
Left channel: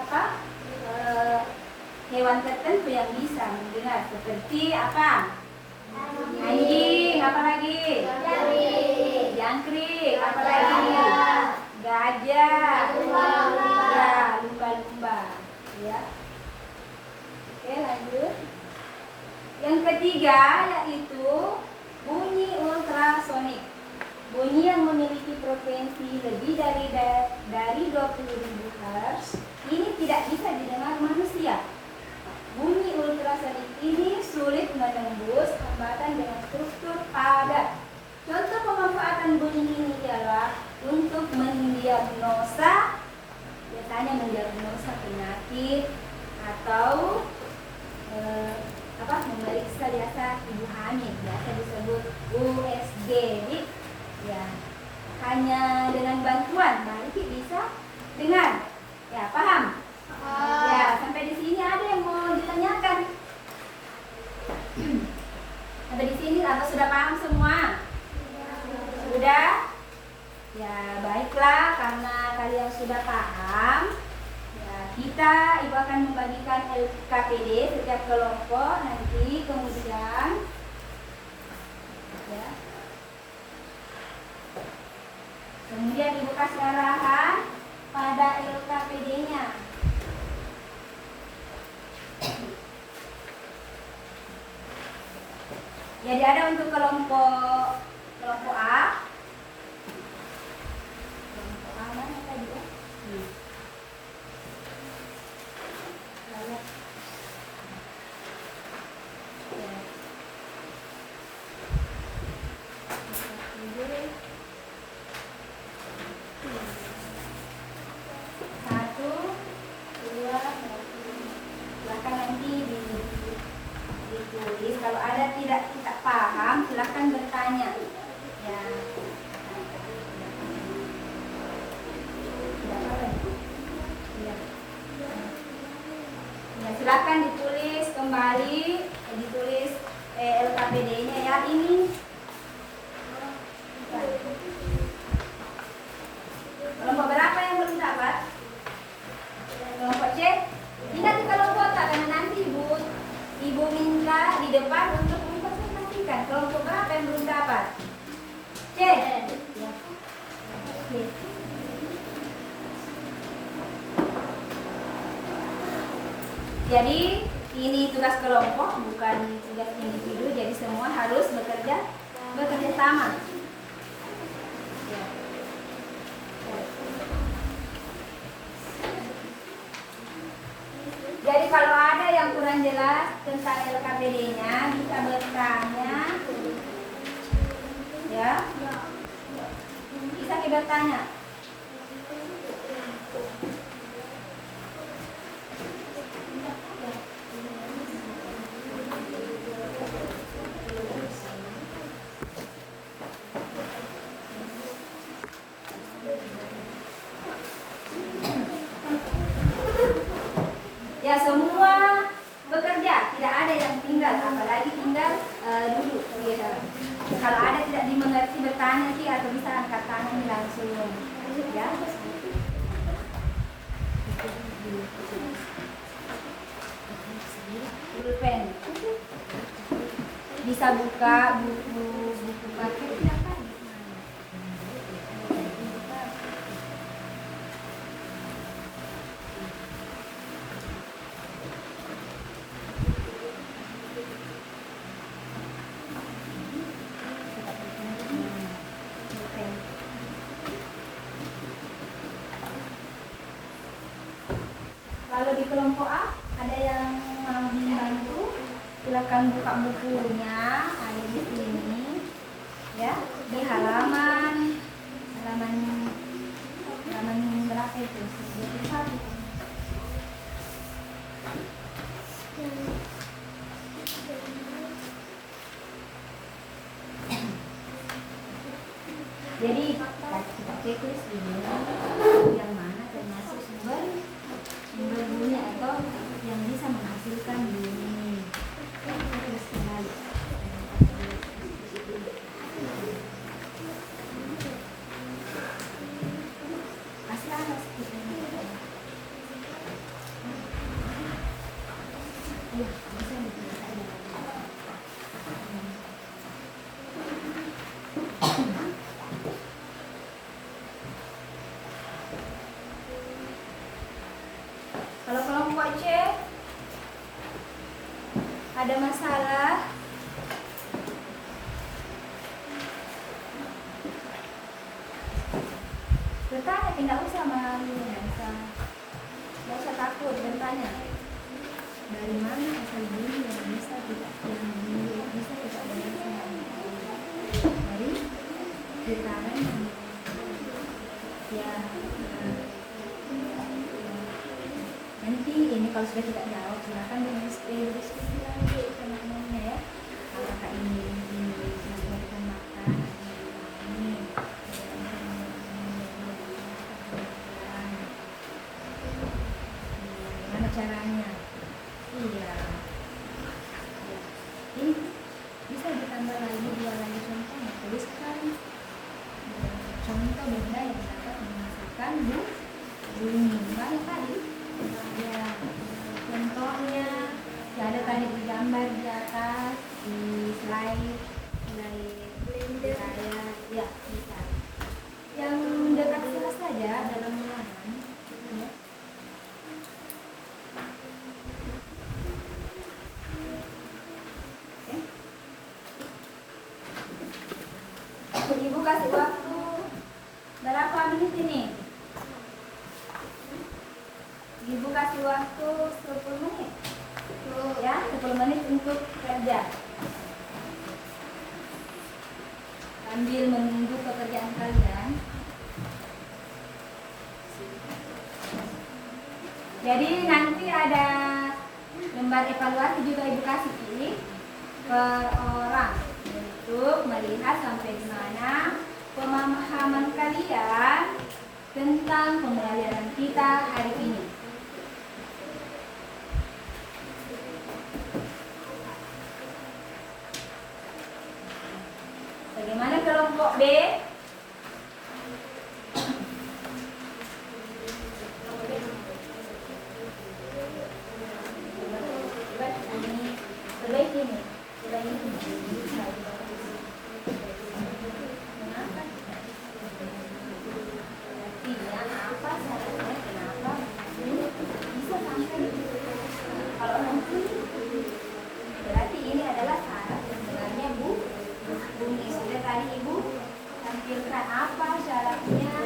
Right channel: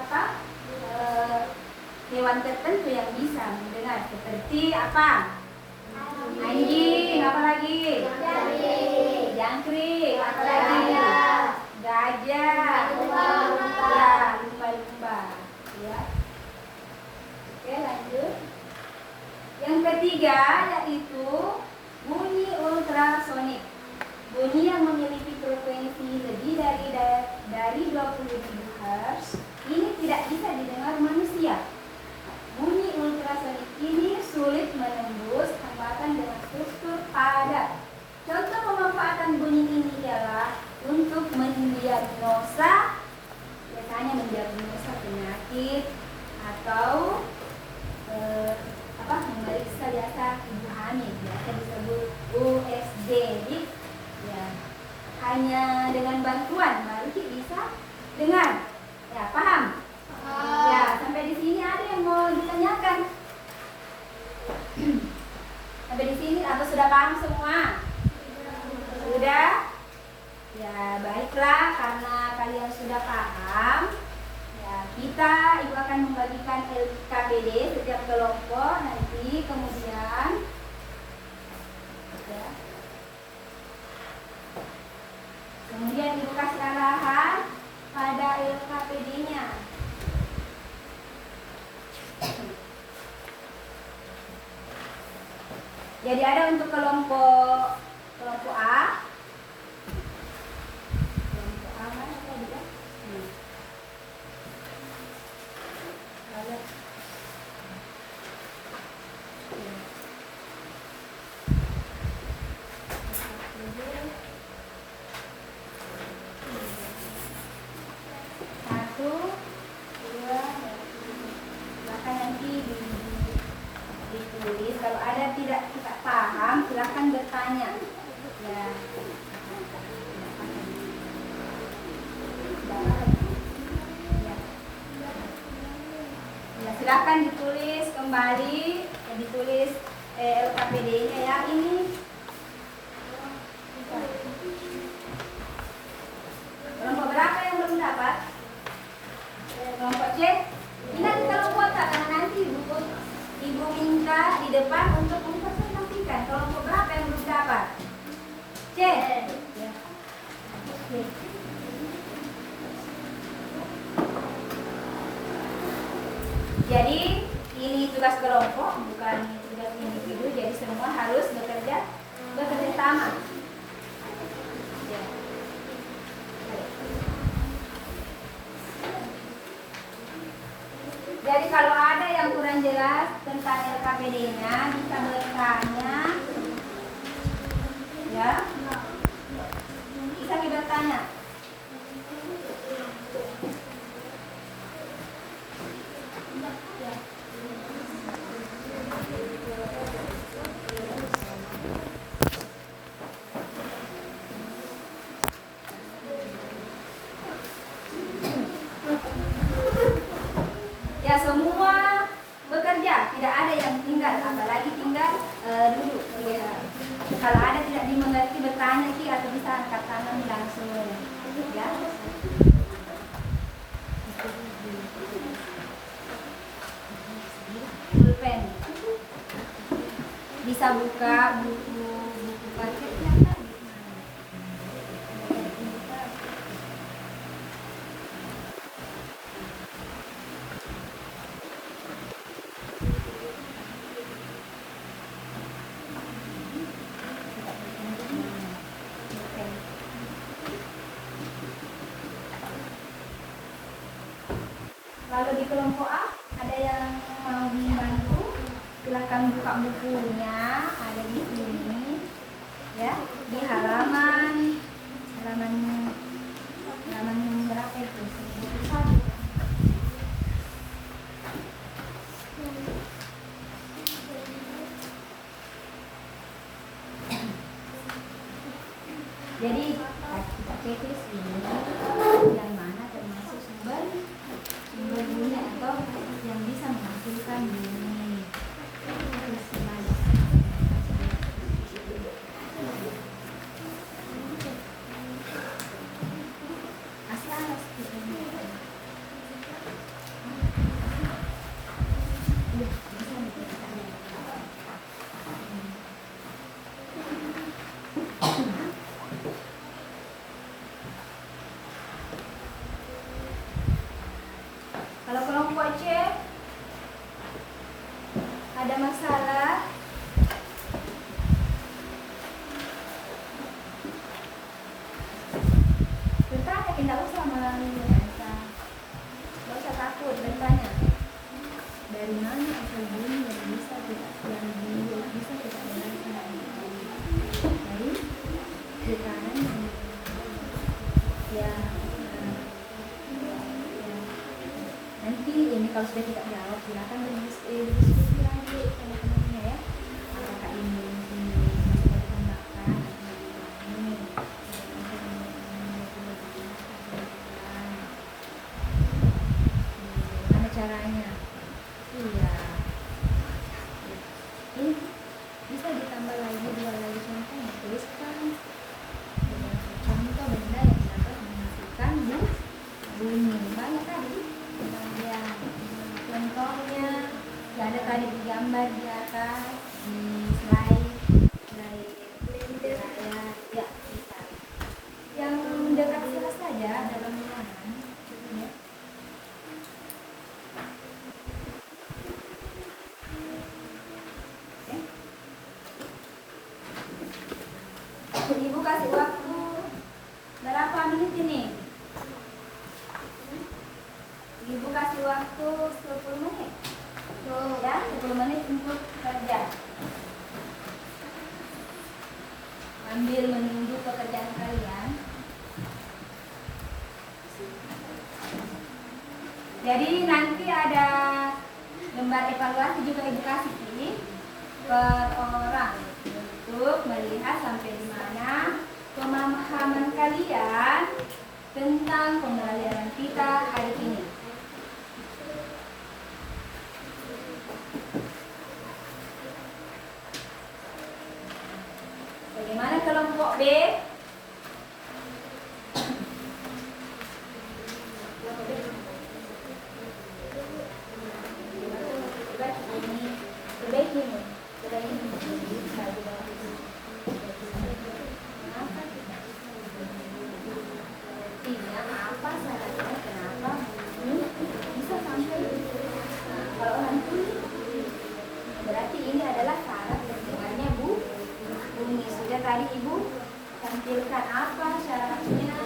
apa? Hewan tertentu yang bisa mendengar, seperti apa? Anjing, apa lagi? Jangkrik, apa lagi? Gajah, ya, lumba-lumba, ya. Oke, lanjut. Yang ketiga yaitu bunyi ultrasonik. Bunyi yang memiliki frekuensi lebih dari 20.000 Hz ini tidak bisa didengar manusia. Bunyi ultrasonik ini sulit menembus hambatan dengan struktur padat. Contoh pemanfaatan bunyi ini ialah untuk mendiagnosa, biasanya mendiagnosa penyakit atau memeriksa biasa ibu hamil, biasa disebut USG. Ya, hanya dengan bantuan Maliki bisa dengar. Ya, paham? Ya, sampai di sini ada yang mau ditanyakan? Sampai di sini atau sudah paham semua? Sudah? Ya, baiklah, karena kalian sudah paham. Ya, ibu akan membagikan LKPD setiap kelompok nanti, kemudian ya. Kemudian ibu kasih arahan pada LKPD-nya. Jadi ada untuk kelompok A. Kelompok A mana tadi ya? Satu, dua, silakan nanti ditulis. Kalau ada tidak paham, silakan bertanya. Ya. Ya, silakan ditulis kembali, ya, ditulis LKPD-nya ya ini. Kelompok berapa yang belum dapat? Kelompok C. Ini nanti kalau kuota karena nanti ibu minta di depan untuk mempresentasikan. Kelompok berapa yang belum dapat? C. Ya. Oke. Jadi ini tugas kelompok, bukan tugas individu. Jadi semua harus bekerja sama. Jadi kalau ada yang kurang jelas tentang LKPD-nya bisa bertanya, ya. Bisa kita tanya. Ya, semua bekerja, tidak ada yang tinggal, apalagi tinggal duduk. Ya. Kalau ada tidak dimengerti bertanya sih atau bisa angkat tangan langsung. Ya. Pulpen. Bisa buka buku paketnya kan? Kalau di kelompok A ada yang mau dibantu, silakan buka bukunya, ada di sini, ya, di halaman berapa itu? 1. Jadi kita checklist ini yang mana termasuk sumber bunyi atau yang bisa menghasilkan bunyi. Terus kembali. Masih alas kita. Ya, bisa diperiksa. Kalau kelompok C ada masalah, bertanya, tidak usah nggak usah takut, bertanya dari mana asal bunyi yang bisa tidak yang sudah kita jawab, silakan berdiskusi lagi teman-temannya ya. Apakah ini masih kita makan atau ini? Gimana caranya? Iya. Ini bisa ditambah lagi, dua lagi contohnya. Tuliskan contoh benda yang dapat menghasilkan bunyi. Banyak tadi. Ya, contohnya ya ada tadi digambar di atas di slide blender ya bisa. Yang dekat sana saja dalam halaman. Ya. Ibu kasih waktu berapa menit ini? Ibu kasih waktu 10 menit. Ya, 10 menit untuk kerja. Sambil menunggu pekerjaan kalian. Jadi nanti ada lembar evaluasi juga Ibu kasih ini per orang untuk melihat sampai di mana pemahaman kalian tentang pembelajaran kita hari ini. Bagaimana kelompok B? Berarti ini adalah syarat yang sebenarnya Bu Umi. Sudah tadi Ibu tampilkan apa syaratnya.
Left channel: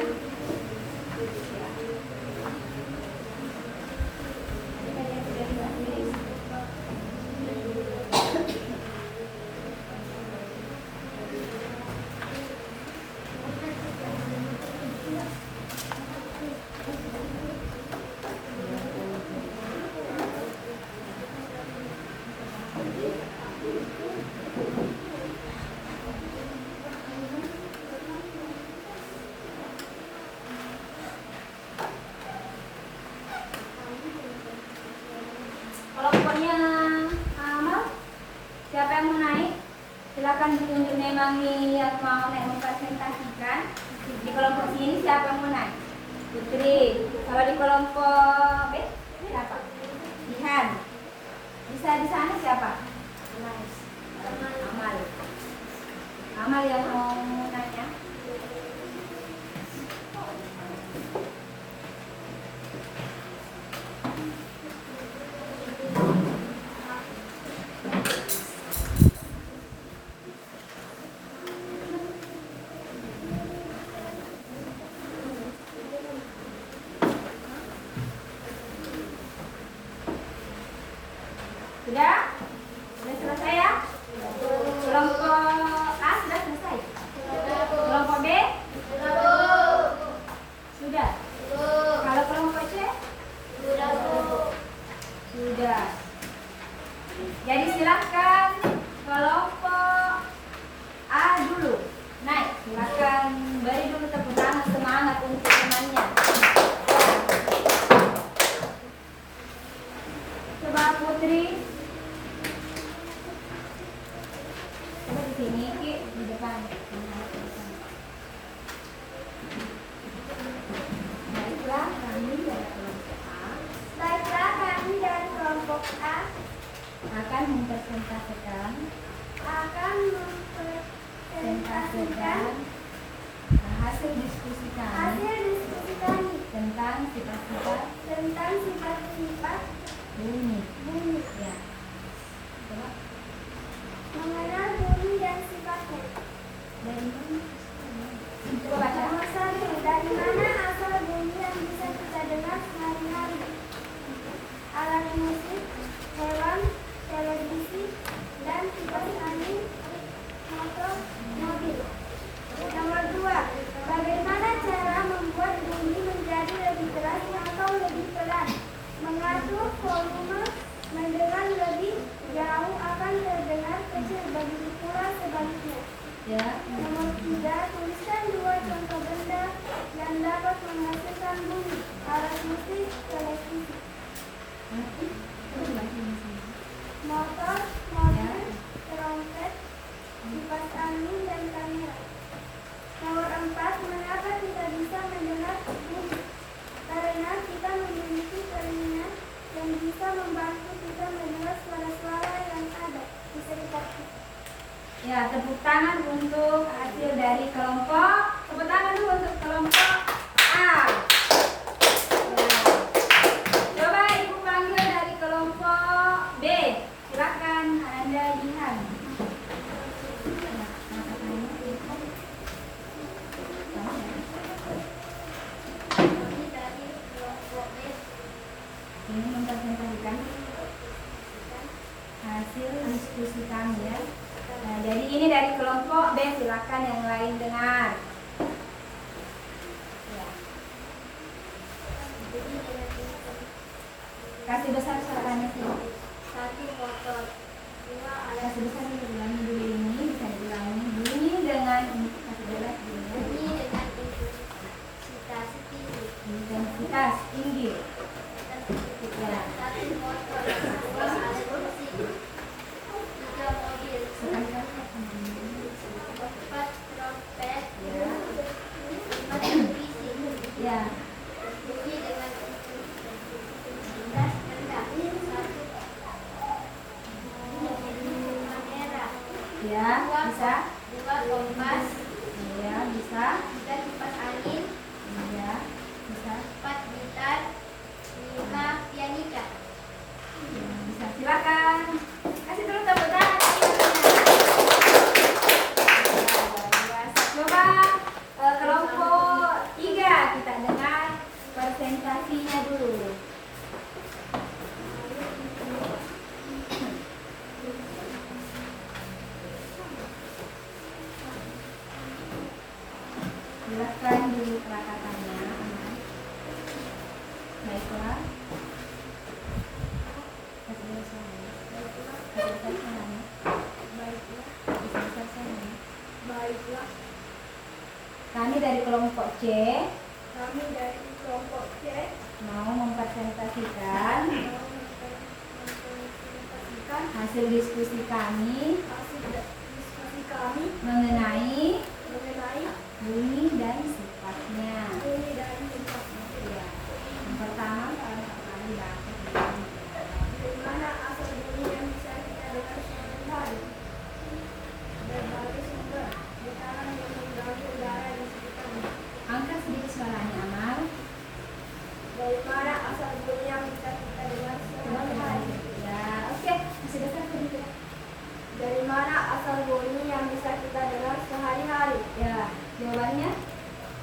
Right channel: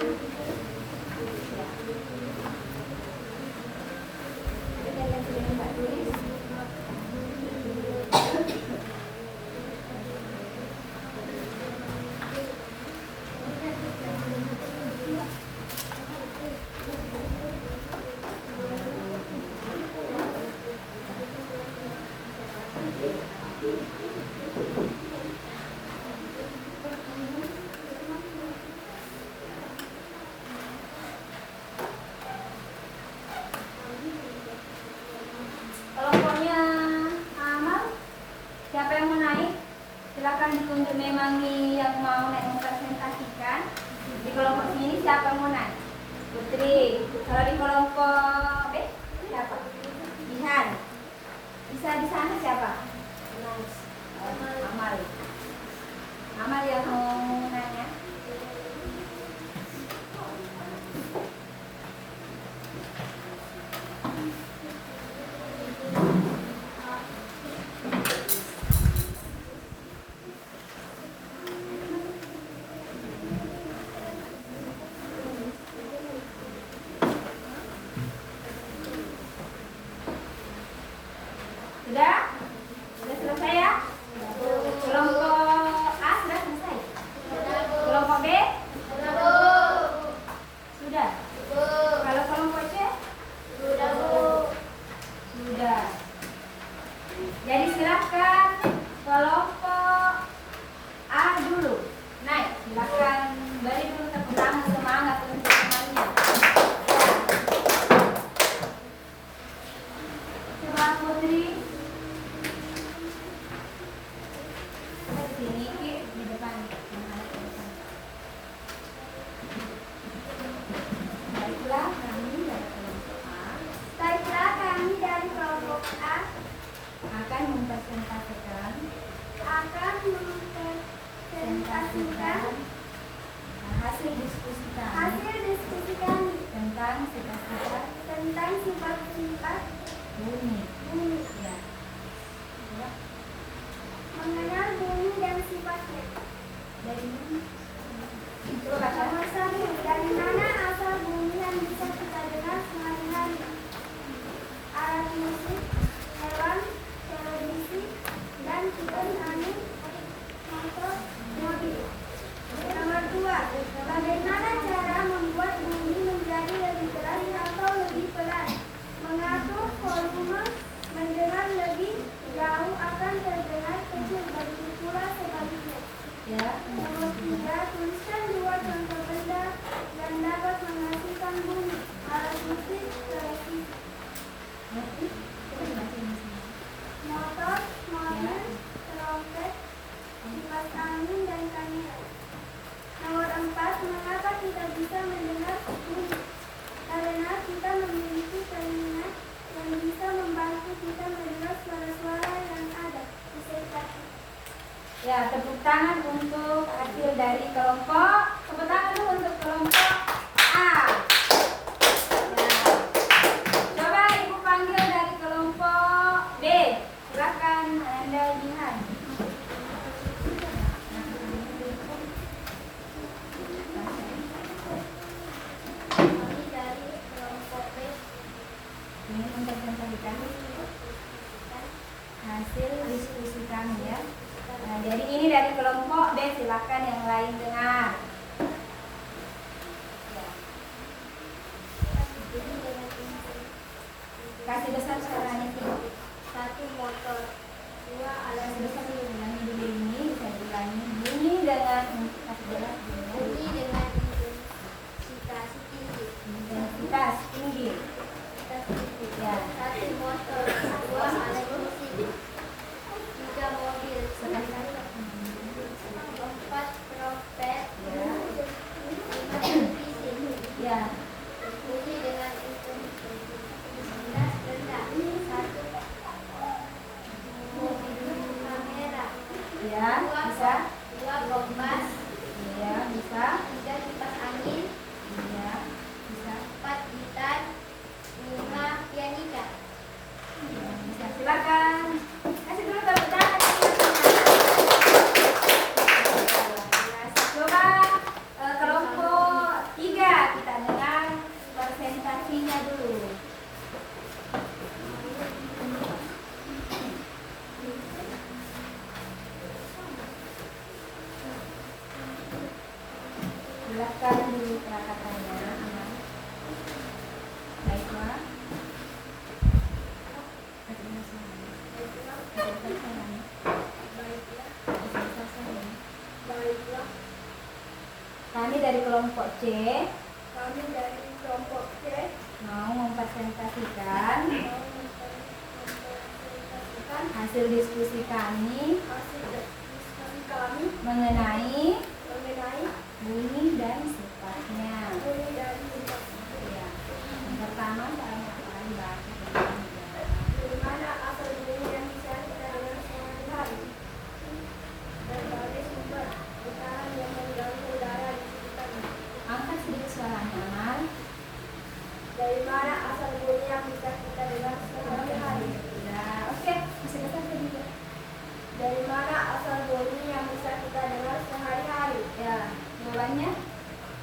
Kelompoknya Amal, siapa yang mau naik? Silakan ditunjuk memang yang mau naik mempresentasikan. Di kelompok sini siapa yang mau naik? Putri. Kalau di kelompok B siapa? Jihan. Bisa di sana siapa? Amal. Amal yang mau nanya. Sudah? Sudah selesai ya? Kelompok A sudah selesai? Kelompok B? Sudah? Kalau kelompok C? Sudah. Jadi silakan kelompok A dulu. Naik, silakan beri dulu tepuk tangan semangat untuk temannya. Coba Putri. Sini di depan. Baiklah kami dari kelompok A. Baiklah, kami dari kelompok A Akan mempresentasikan hasil diskusi kami tentang sifat-sifat bumi. Ya. Coba mengenal bumi dan sifatnya. dari bumi. Coba baca. Nomor 1, dari mana asal bumi yang bisa kita dengar sehari-hari? Alat musik, hewan, televisi, dan kipas angin, motor, mobil. Nomor 2, bagaimana cara membuat bumi menjadi lebih keras atau lebih pelan? Mengatur volume Ya. Nomor 3, tuliskan dua contoh benda dan dapat menghasilkan bunyi. Alat musik, televisi. Motor, mobil, trompet, kipas angin, dan kamera. Nomor 4, mengapa kita bisa mendengar musik? Karena kita memiliki telinga yang bisa membantu kita mendengar suara-suara yang ada di sekitar kita. Ya, tepuk tangan untuk hasil dari kelompok. Tepuk tangan dulu untuk kelompok A. Ya. Coba Ibu panggil dari kelompok B. Silakan Anda lihat. Kami dari kelompok B. Ini mempresentasikan hasil diskusi kami ya. Nah, jadi ini dari kelompok B, silakan yang lain dengar. Ya. Kasih besar suaranya sih. 1, motor. 2, alat Kasih besar dulu, ulangi dulu ini, bisa diulangi. Bunyi dengan kasih jelas dulu. bunyi dengan intensitas tinggi. Intensitas tinggi. Ya. 1, motor. 2, alat musik. 3, mobil. Sekali kali. 4, trompet. Ya. 5, televisi. Ya. Bunyi dengan intensitas rendah. 1, kamera. Ya, bisa. 2, kompas. Ya, bisa. 3, kipas angin. Ya, bisa. 4, gitar. 5, pianika. Bisa, silakan. Kasih dulu tepuk tangan. Coba kelompok 3 kita dengar presentasinya dulu. Silakan dulu perakatannya. Baiklah. Baiklah, Kami dari kelompok C kami dari kelompok C mau mempresentasikan mau mempresentasikan hasil diskusi kami hasil diskusi kami mengenai mengenai bunyi dan sifatnya. bunyi dan sifat. Ya. Yang pertama saya akan bahas Dari mana asal bunyi yang bisa kita dengar sehari-hari? Berbagai sumber getaran yang mengganggu udara di sekitarnya. angkat sedikit suaranya, Amal. Dari mana asal bunyi yang bisa kita dengar sehari-hari? Ya, oke. Masih besar sedikit. Dari mana asal bunyi yang bisa kita dengar sehari-hari? Ya, jawabannya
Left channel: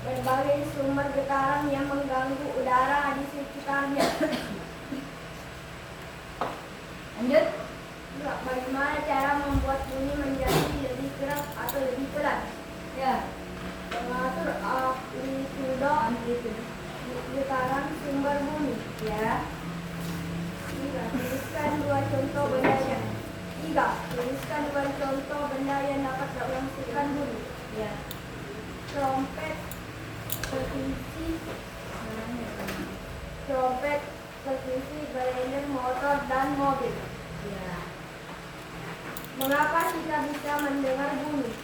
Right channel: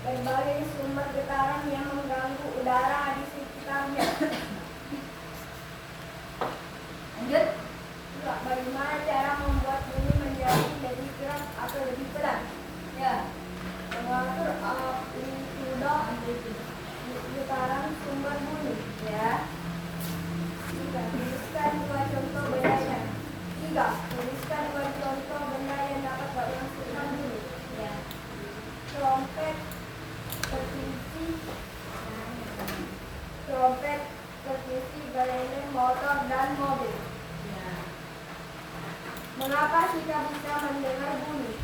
Berbagai sumber getaran yang mengganggu udara di sekitarnya. lanjut. Juga, bagaimana cara membuat bunyi menjadi lebih keras atau lebih pelan? Ya, Mengatur amplitudo getaran sumber bunyi. ya. Juga, tuliskan dua contoh benda yang tuliskan dua contoh benda yang dapat menghasilkan bunyi. Ya. Trompet, televisi, gelendeng, motor, dan mobil. Ya. Mengapa kita bisa mendengar bunyi?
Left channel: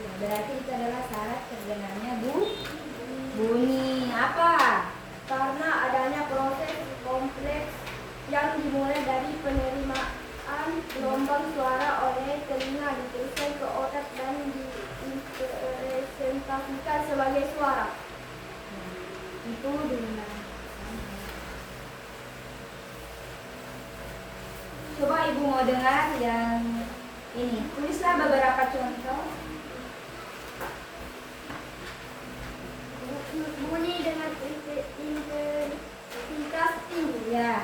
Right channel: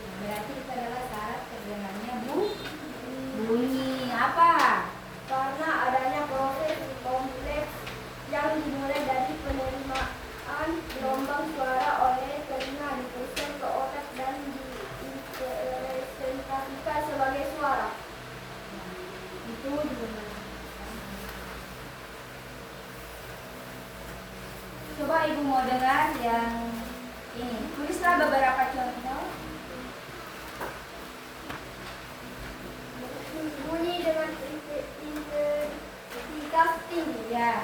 Ya, berarti itu adalah syarat terdengarnya bunyi apa? Karena adanya proses kompleks yang dimulai dari penerimaan gelombang suara oleh telinga, diteruskan ke otak dan direpresentasikan sebagai suara. Ya, itu dengan coba ibu mau dengar yang ini. Tulislah beberapa contoh. Bunyi dengan intensitas tinggi. Ya,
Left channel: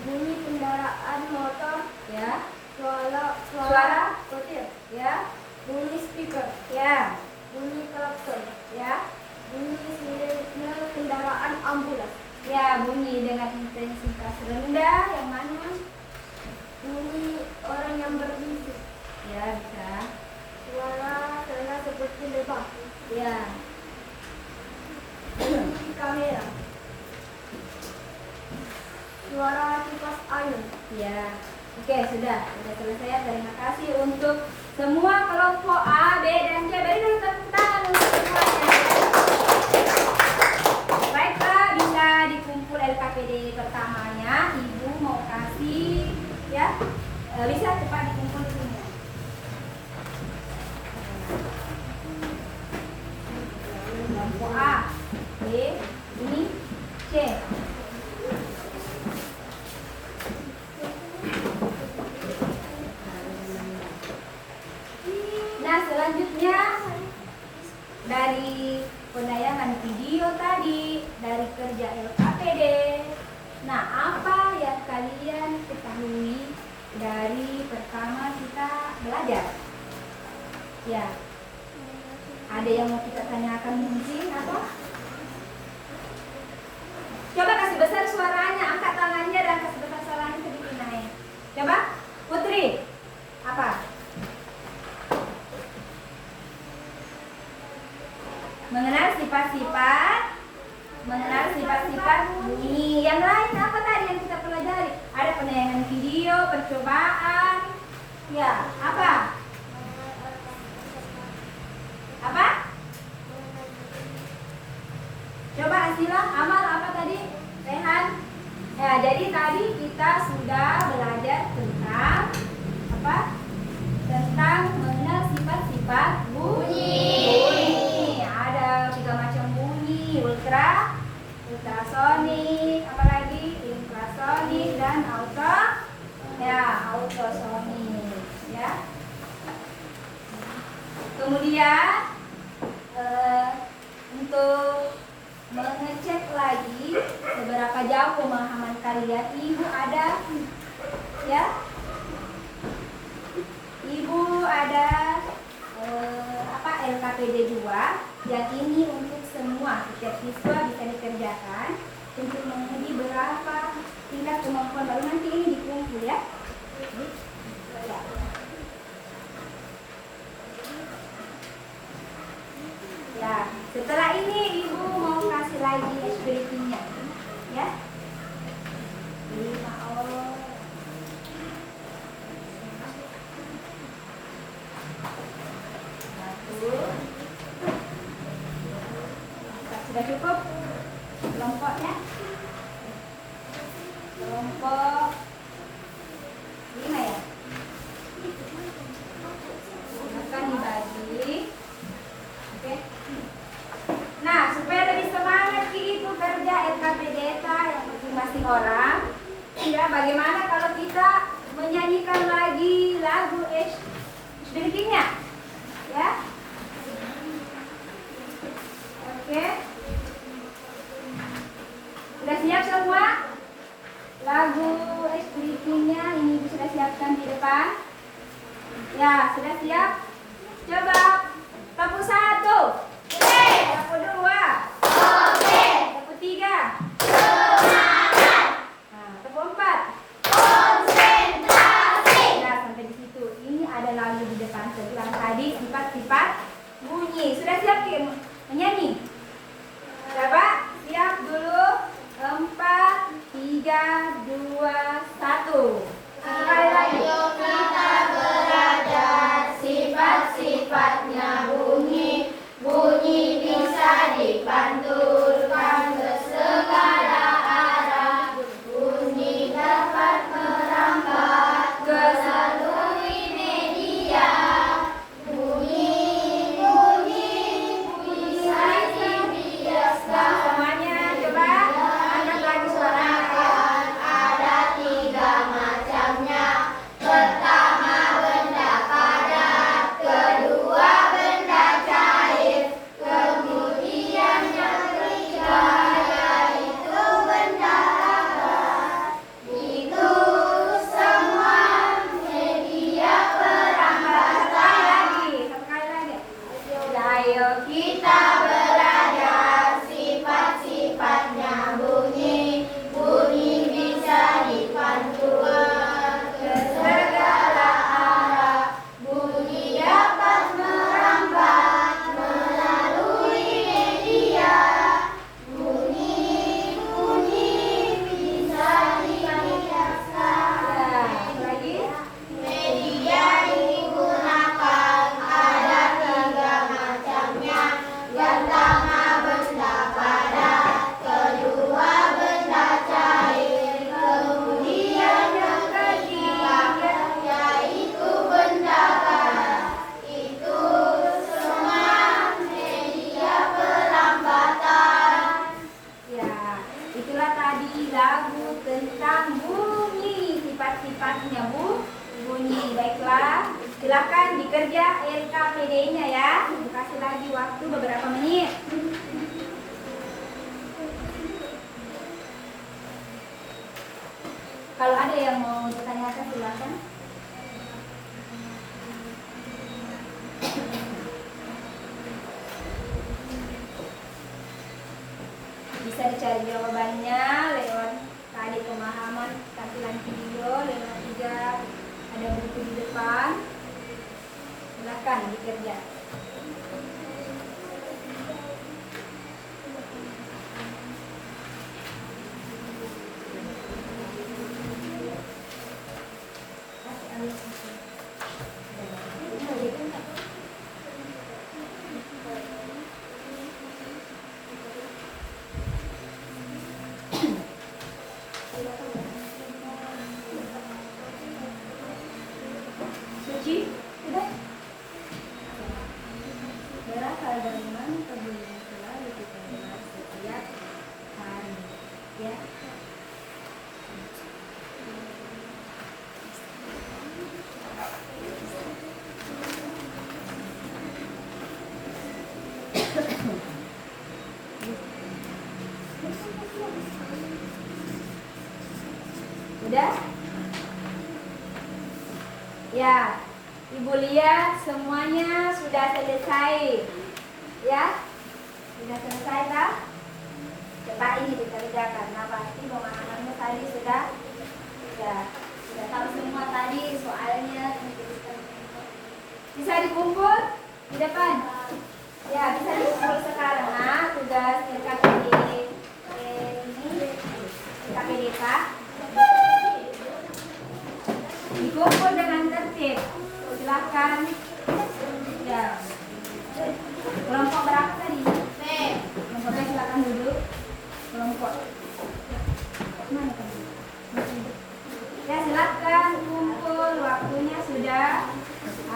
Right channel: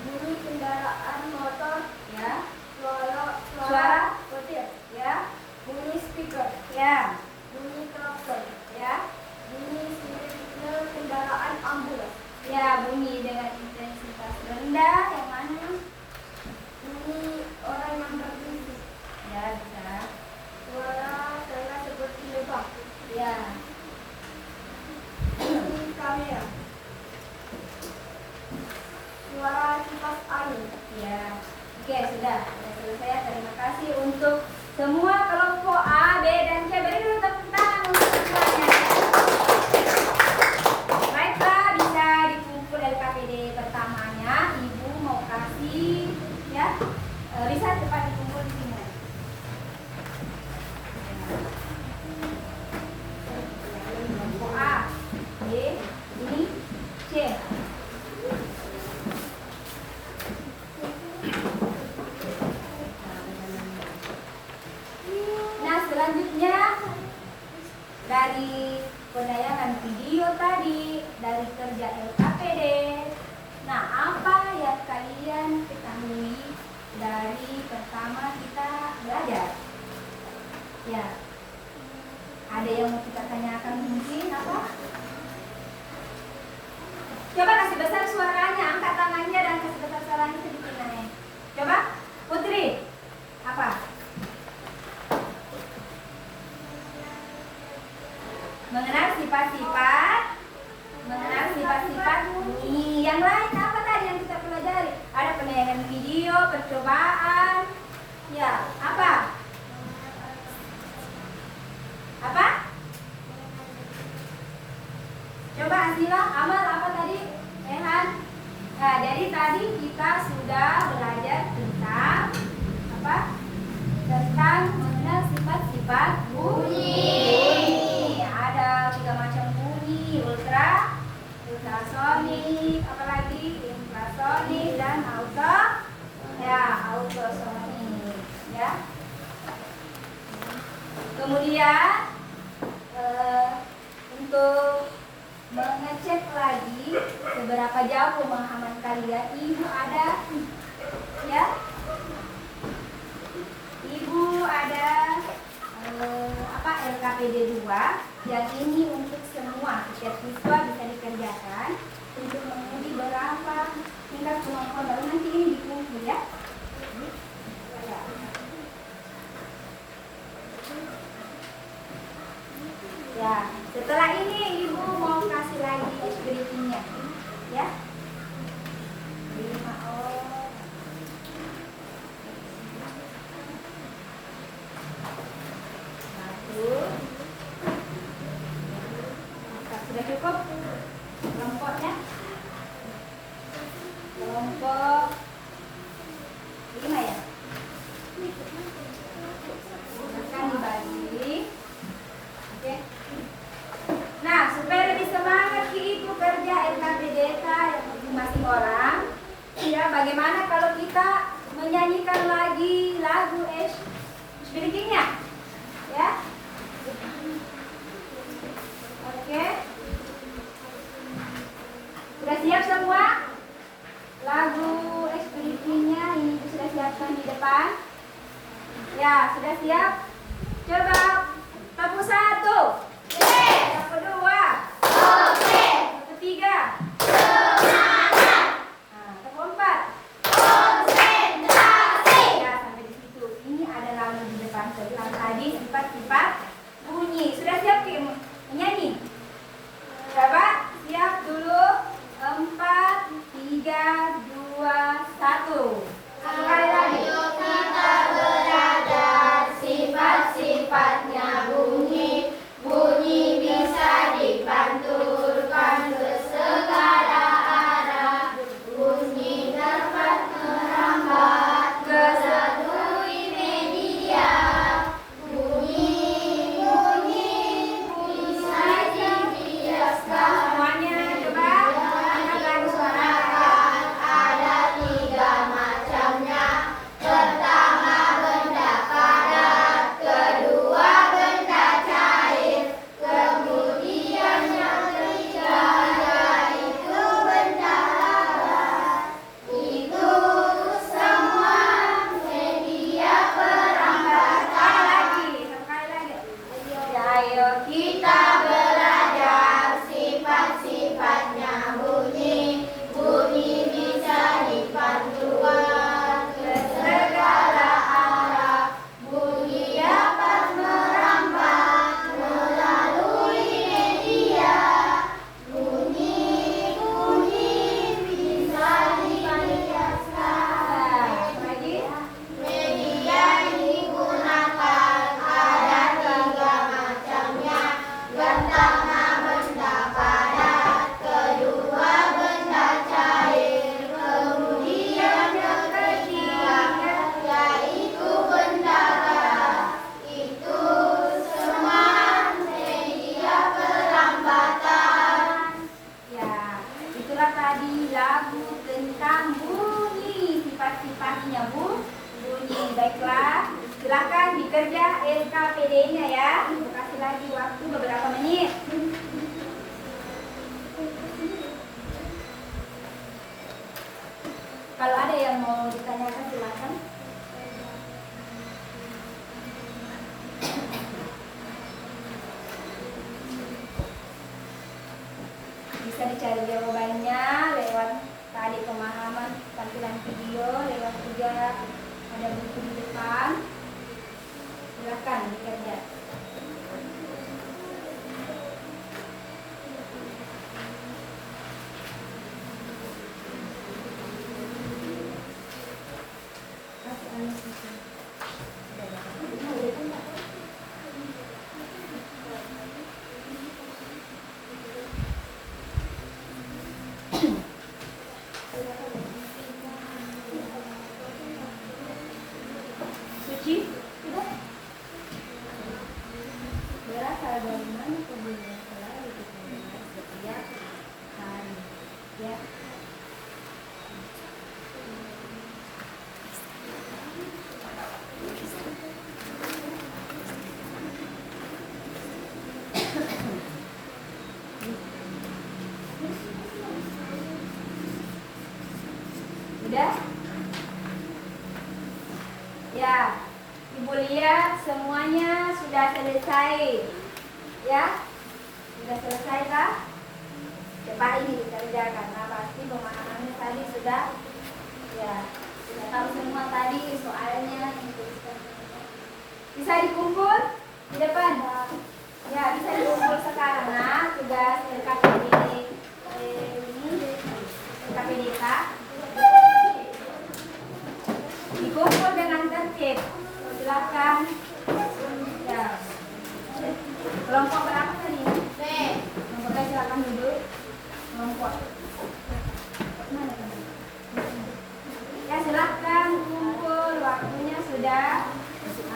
Bunyi kendaraan motor, ya, suara petir, ya, bunyi speaker, ya, bunyi klakson, ya, bunyi sirene kendaraan ambulans, ya. Bunyi dengan intensitas rendah yang mana? bunyi orang yang berbisik, Ya, bisa. selesai. Terima kasih untuk semua kelompok A, B, dan C. Beri dulu tepuk tangan untuk semuanya. Baiklah, bisa dikumpul LKPD pertamanya. Ibu mau kasih, ya, bisa cepat dikumpul di sini. Kelompok A, B, ini C. Nah, selanjutnya dari penayangan video tadi, dari kerja LKPD. Nah, apa yang kalian ketahui dari pertama kita belajar? Ya, ada yang mau kita tanyakan mungkin apa? Coba kasih besar suaranya, angkat tangannya dan kasih besar suaranya sedikit naik. Coba, Putri, apa? Mengenal sifat-sifat bunyi. Yang lain apa tadi yang kita pelajari? Ada penayangan video, percobaan. Ya, apa? Apa? Coba Asila, Amal apa tadi? Rehan. Ya, jadi tadi kita sudah belajar tentang apa? Tentang mengenal sifat-sifat bunyi. Ada 3 macam bunyi, ultrasonik, apalagi infrasonik dan autosonik, ya. Kemudian untuk mengecek lagi seberapa jauh pemahaman kalian, Ibu ada, ya. Ibu ada LKPD 2 yang ini untuk semua setiap siswa bisa dikerjakan untuk menguji berapa tingkat kemampuan baru, nanti ini dikumpul, ya. Ya, setelah ini Ibu mau kasih lagi briefingnya, ya. 5 orang. Sudah cukup kelompoknya? Kelompok 5, ya. Silakan dibagi. Oke. Nah, supaya lebih semangat Ibu kerja LKPD yang masing-masing orang, ya, bagaimana kalau kita menyanyikan lagi lagu Speakingnya, ya? Oke. Sudah siap semua? Lagu Speakingnya Ibu sudah siapkan di depan. Ya, sudah siap? Coba tepuk 1. Tepuk 2. Tepuk 3. Nah, tepuk 4. Ya, sampai di situ. Ini ada lagu di depan sebelah tadi, sifat-sifat bunyi. Sudah siap menyanyi? Coba siap dulu. 4, 3, 2, 1. Sekali lagi. Kita belajar sifat-sifatnya bunyi. Bunyi bisa dipantulkan ke segala arah. Bunyi dapat merambat ke seluruh media. Bunyi saja baiklah. Silakan dikerja LKPD-nya ya. Ibu kasih lagi waktu beberapa menit. Kalau ada yang mau ditanyakan silakan. Bisa dicari jawabannya lewat tadi pemahaman tampilan video, lewat juga ada buku di depan. Silakan dikerja. Suci, sudah? Berasal dari mana pedulian selalu kita dengar setiap hari, ya? Udah? Ya, Ibu lihat semuanya sudah selesai. Ya? Sudah selesai kah? Coba ini dikerjakan. Nah, pasti pemahamannya tadi sudah tahu semua tadi soalnya. Bisa dikumpul di depan? Ya, bisa dikumpul sekarang. Nah, tugas LKPDK dikumpul dengan tertib. Silakan. Ya. Kelompok berapa tadi? B. Kelompoknya silakan duduk. Kelompok. Mana tadi? Ya, silakan kumpul. Waktunya sudah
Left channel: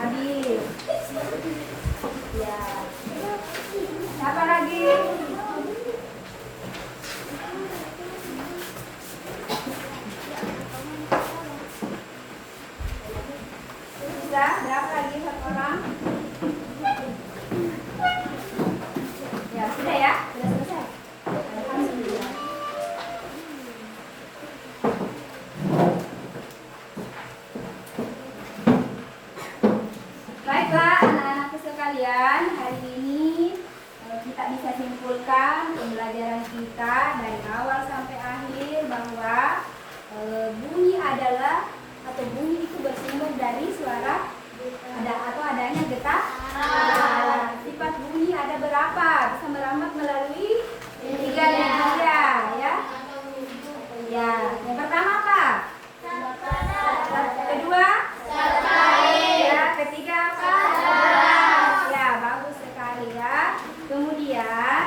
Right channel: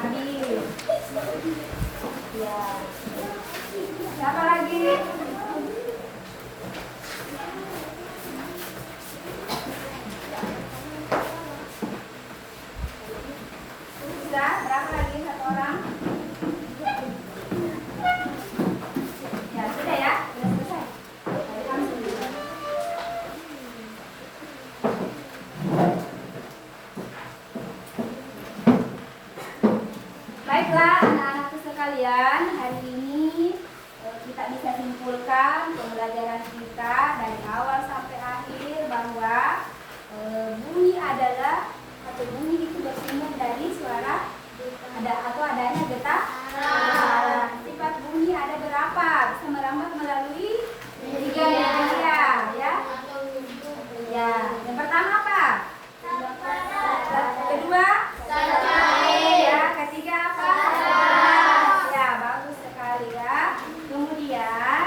habis. Ya. Siapa lagi? Sudah, berapa lagi satu orang? Ya, sudah ya? Sudah selesai? Alhamdulillah. Baiklah anak-anakku sekalian, hari ini kita bisa simpulkan pembelajaran kita dari awal sampai akhir bahwa bunyi adalah atau bunyi itu bersumber dari suara adanya getar. Sifat bunyi ada berapa? Bisa merambat melalui tiga media, ya. Ya, yang pertama apa? Kedua? Ya, ketiga apa? Ya, bagus sekali ya. Kemudian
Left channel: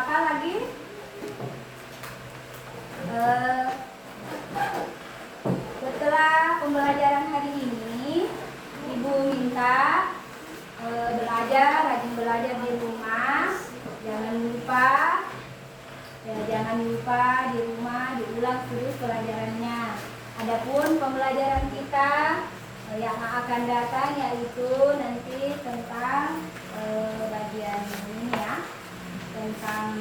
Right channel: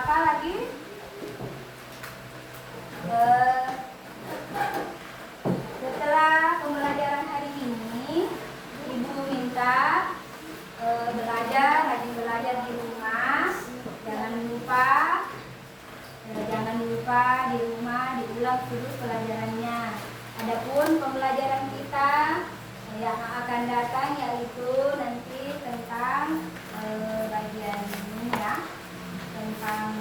apa lagi? Setelah pembelajaran hari ini, Ibu minta rajin belajar di rumah. Jangan lupa di rumah diulang terus pelajarannya. Adapun pembelajaran kita yang akan datang yaitu nanti tentang bagian ini ya, tentang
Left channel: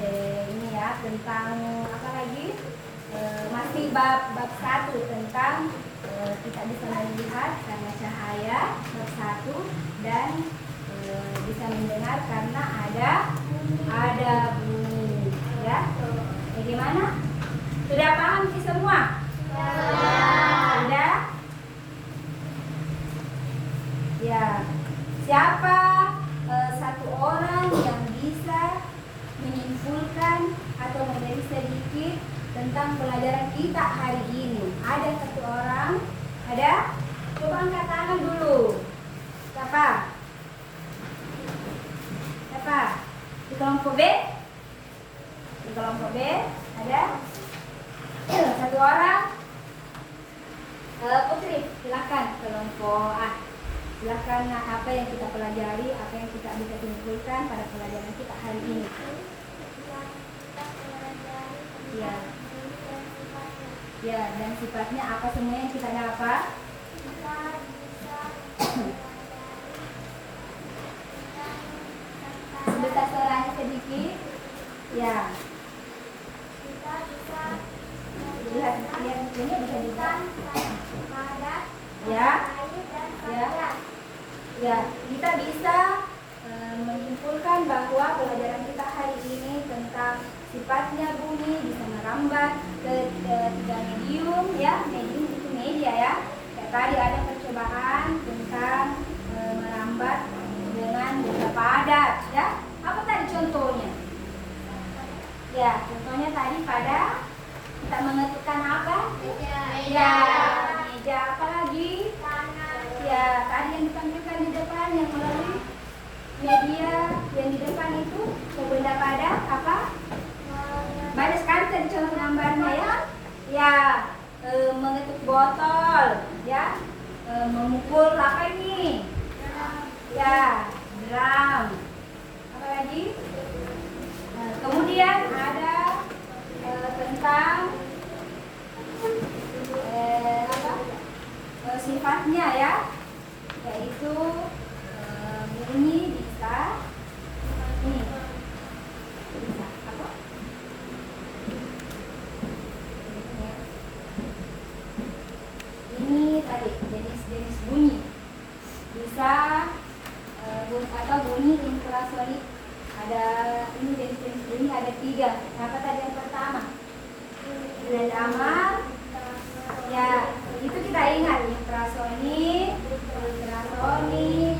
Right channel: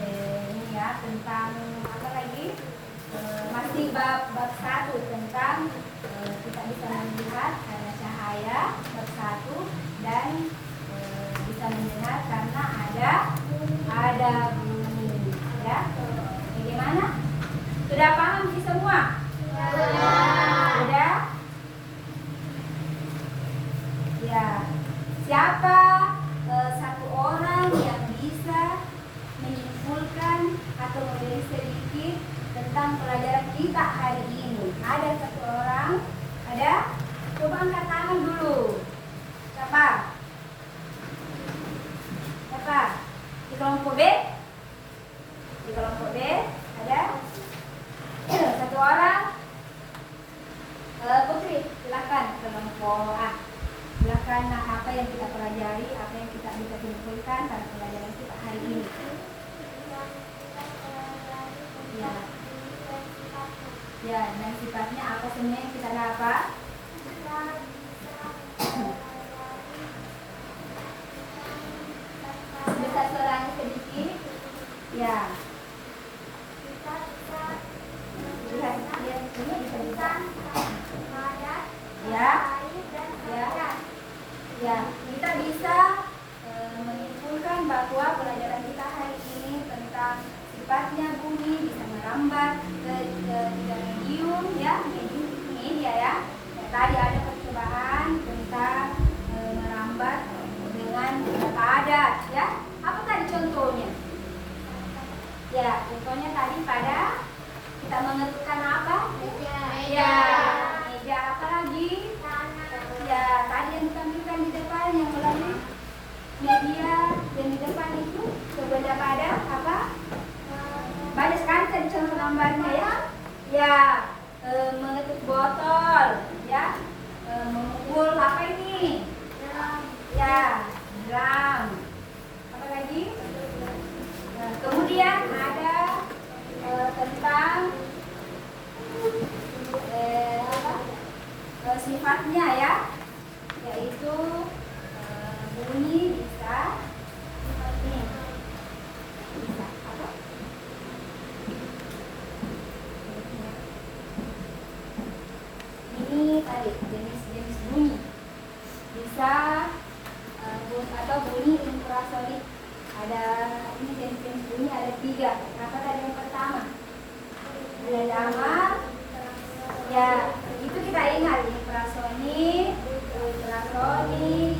ini ya, tentang apa lagi? Masih bab 1 tentang kita bisa melihat karena cahaya, bab 1, dan bisa mendengar karena ada bunyi, ya. Bagaimana? Sudah paham sih semua? Sudah? Ya. Siapa satu orang yang bisa menyimpulkan atau menjadi sedikit tentang pelajaran kita hari ini? Ada satu orang? Ada? Coba angkat tangan dulu. Siapa? Siapa? Di kelompok B? Di kelompok B ada? Satu orang? Putri, silakan kelompok A. Silakan apa yang kita pelajari, apa yang kita bisa simpulkan pada pelajaran kita hari ini. Ya. Ya, dan sifatnya apa semua yang kita dapat? Sebesar suaranya sedikit. Ya. Lihat bukunya bisa bisa. Ya. Ya. Ya, kita bisa menyimpulkan bahwa pelajaran kita hari ini tentang sifatnya bunyi bisa merambat ke tiga medium, ya. Medium itu media, ya. Ya, tadi ada percobaan tentang merambat dengan beberapa adat, ya. Apa tadi contohnya? Ya, contohnya tadi pada kita mengetukkan apa? Ya, meja apa lagi? Ya, tadi yang ditampilkan di depan yang melalui media yang di depan itu berbeda pada apa? Banyak sekali tadi contoh gambarnya, ya. Ya, mengetuk botol, ya. Memukul apa ini? Ya, drum. Apa lagi? Kemudian ada tentang sifatnya, ya, yaitu bunyi bisa ini bisa apa? Ini tadi jenis bunyi bisa atau bunyi infrasonik. Ada ini jenis bunyi ada 3. Apa tadi yang pertama? Ada damar. Ya, itu kita ingat infrasonik, ultrasonik,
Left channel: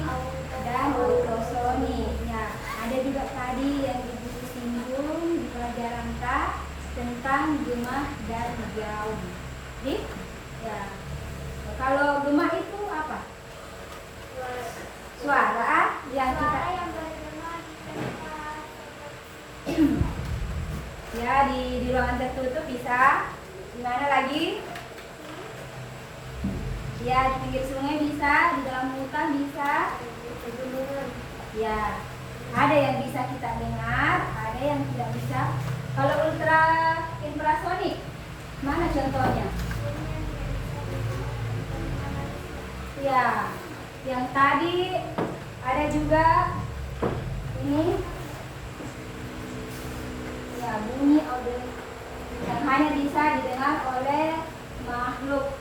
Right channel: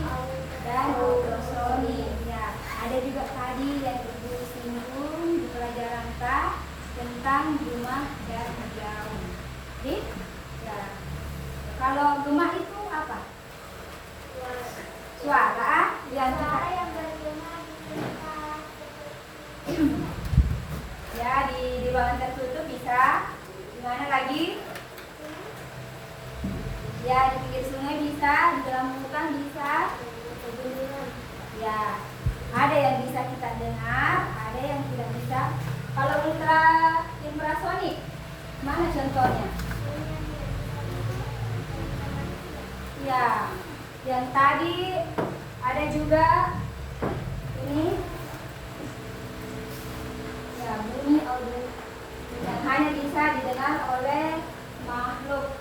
dan ultrasonik. Ya, ada juga tadi yang Ibu singgung di pelajaran K tentang gemah dan gaung. Oke? Ya. Kalau gemah itu apa? Suara yang kita ya di ruangan tertutup bisa. Di mana lagi? Ya, di pinggir sungai bisa, di dalam hutan bisa. Ya, ada yang bisa kita dengar, ada yang tidak bisa. Kalau infrasonik, mana contohnya? Ya, yang tadi ada juga ini. Ya, bunyi audio yang hanya bisa didengar oleh makhluk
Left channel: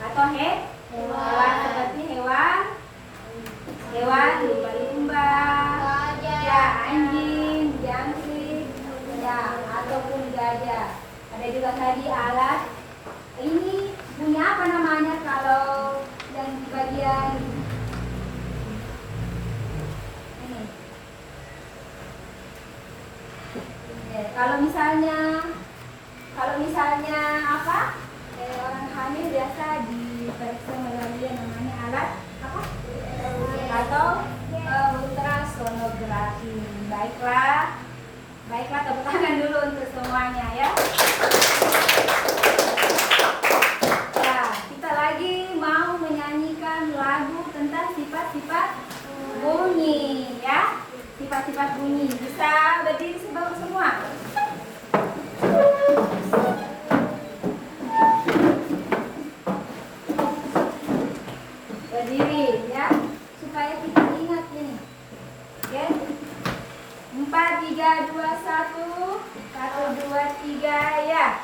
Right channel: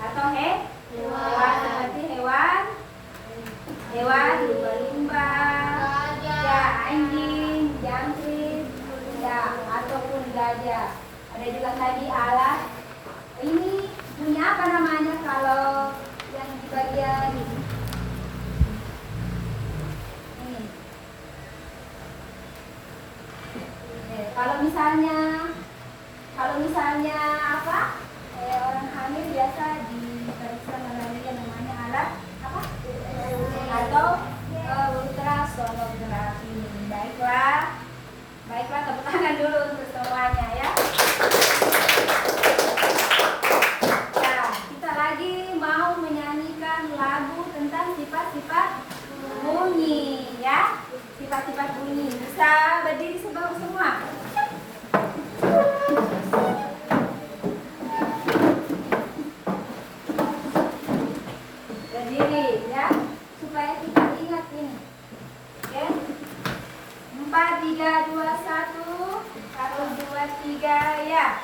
atau hewan seperti hewan lumba-lumba, ya, anjing, jangkrik, ya, ataupun gajah. Ada juga tadi alat ini bunyi apa namanya kalau yang di bagian ini? Kalau misalnya apa? Orang hamil biasa diperiksa melalui yang namanya alat apa? Atau ultrasonografi. Baiklah, tepuk tangan dulu untuk semuanya, ya. Nah, kita lagi mau menyanyikan lagu tentang sifat-sifat bunyi, ya. Sifat-sifat bunyi. Bisa berdiri semua. Berdiri, ya, supaya kita ingat ini. Oke? 4, 3, 2, 1, 1, 2, 3, ya.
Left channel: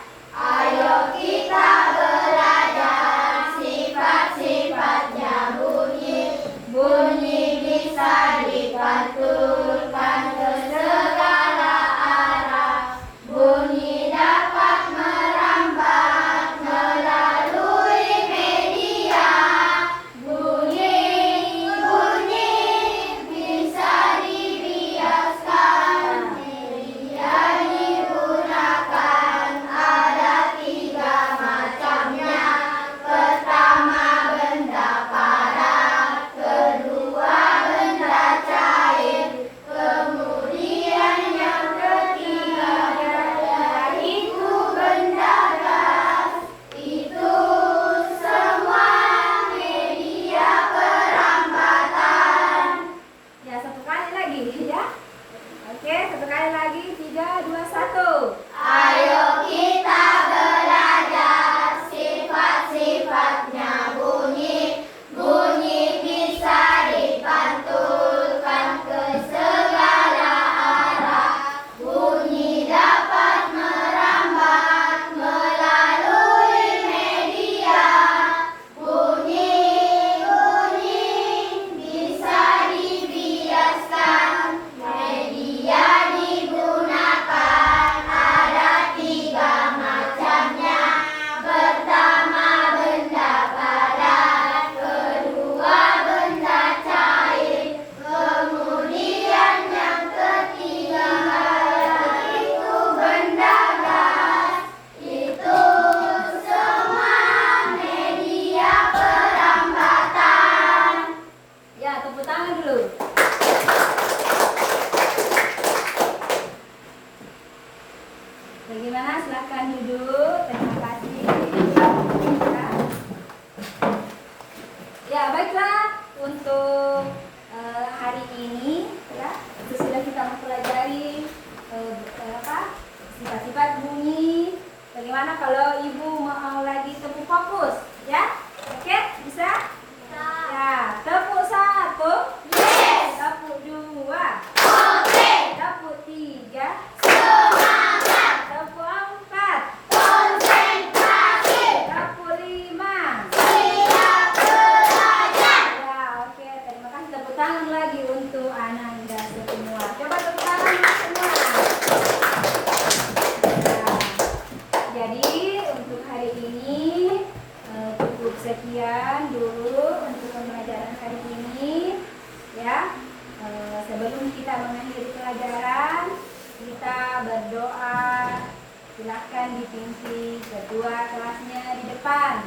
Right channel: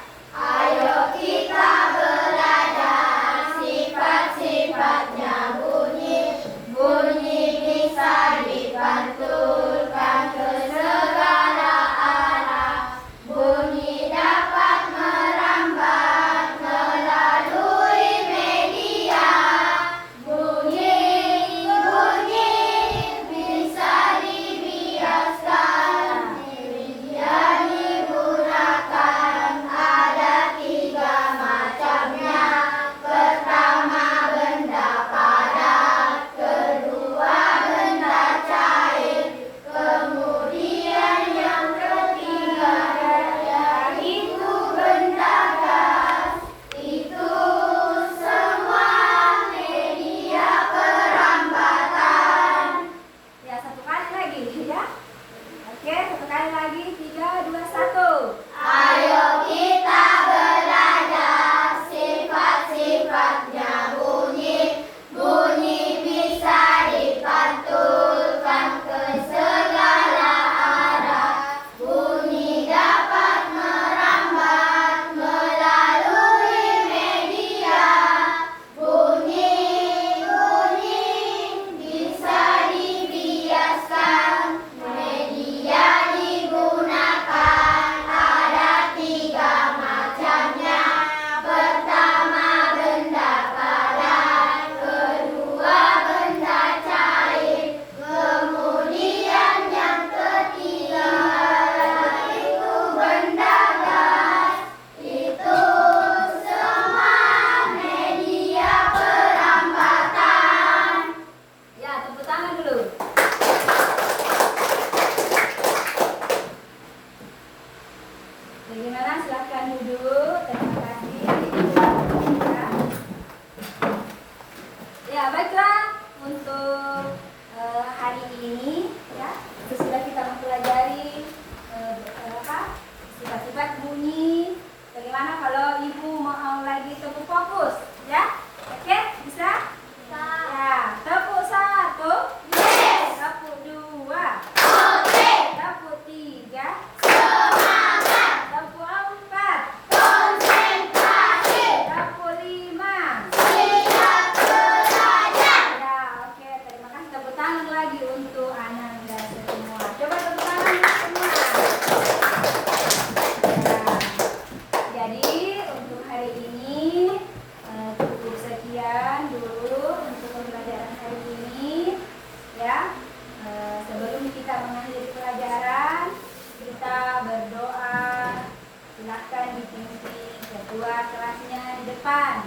buat kelasnya di depan.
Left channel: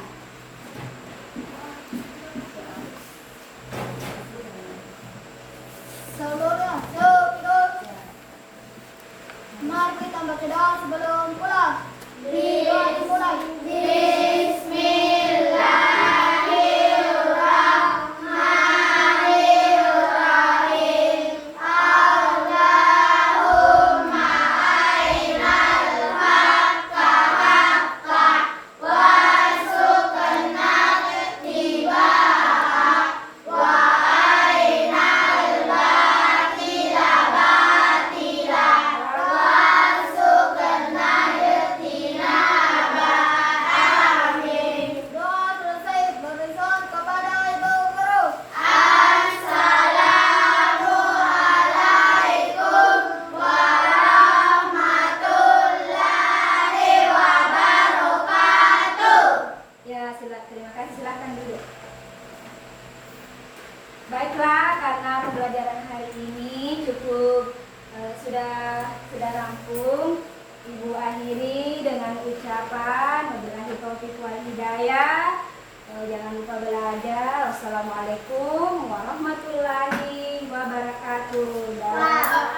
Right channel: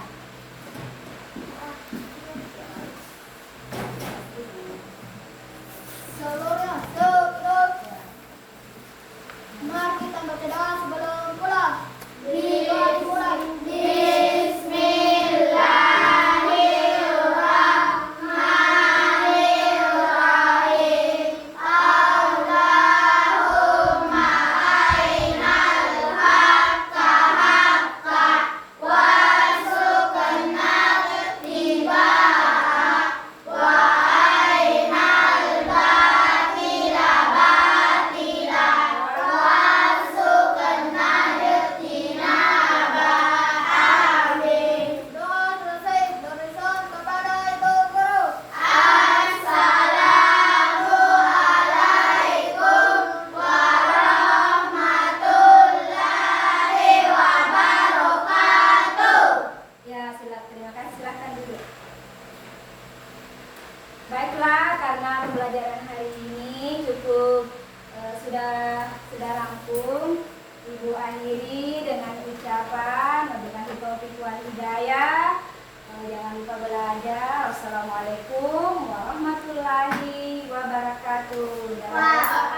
Seluruhnya sukses. Mari kita baca doa sebelum pulang. Doa dimulai. Bismillahirrahmanirrahim. Allahumma arinal haqqa haqqan warzuqna ittiba'ah wa arinal batila batilan warzuqna ijtinabah. Amin. Doa selesai, berison kepada Ibu Guru. Assalamualaikum warahmatullahi wabarakatuh. Ya, terima kasih. Silakan duduk. Baiklah, karena pembelajaran hari ini cukup sudah rampung, Ibu akhiri dengan ucapan wabillahi taufiq wal hidayah. Jangan lupa belajar. Wassalamualaikum warahmatullahi wabarakatuh. Dah.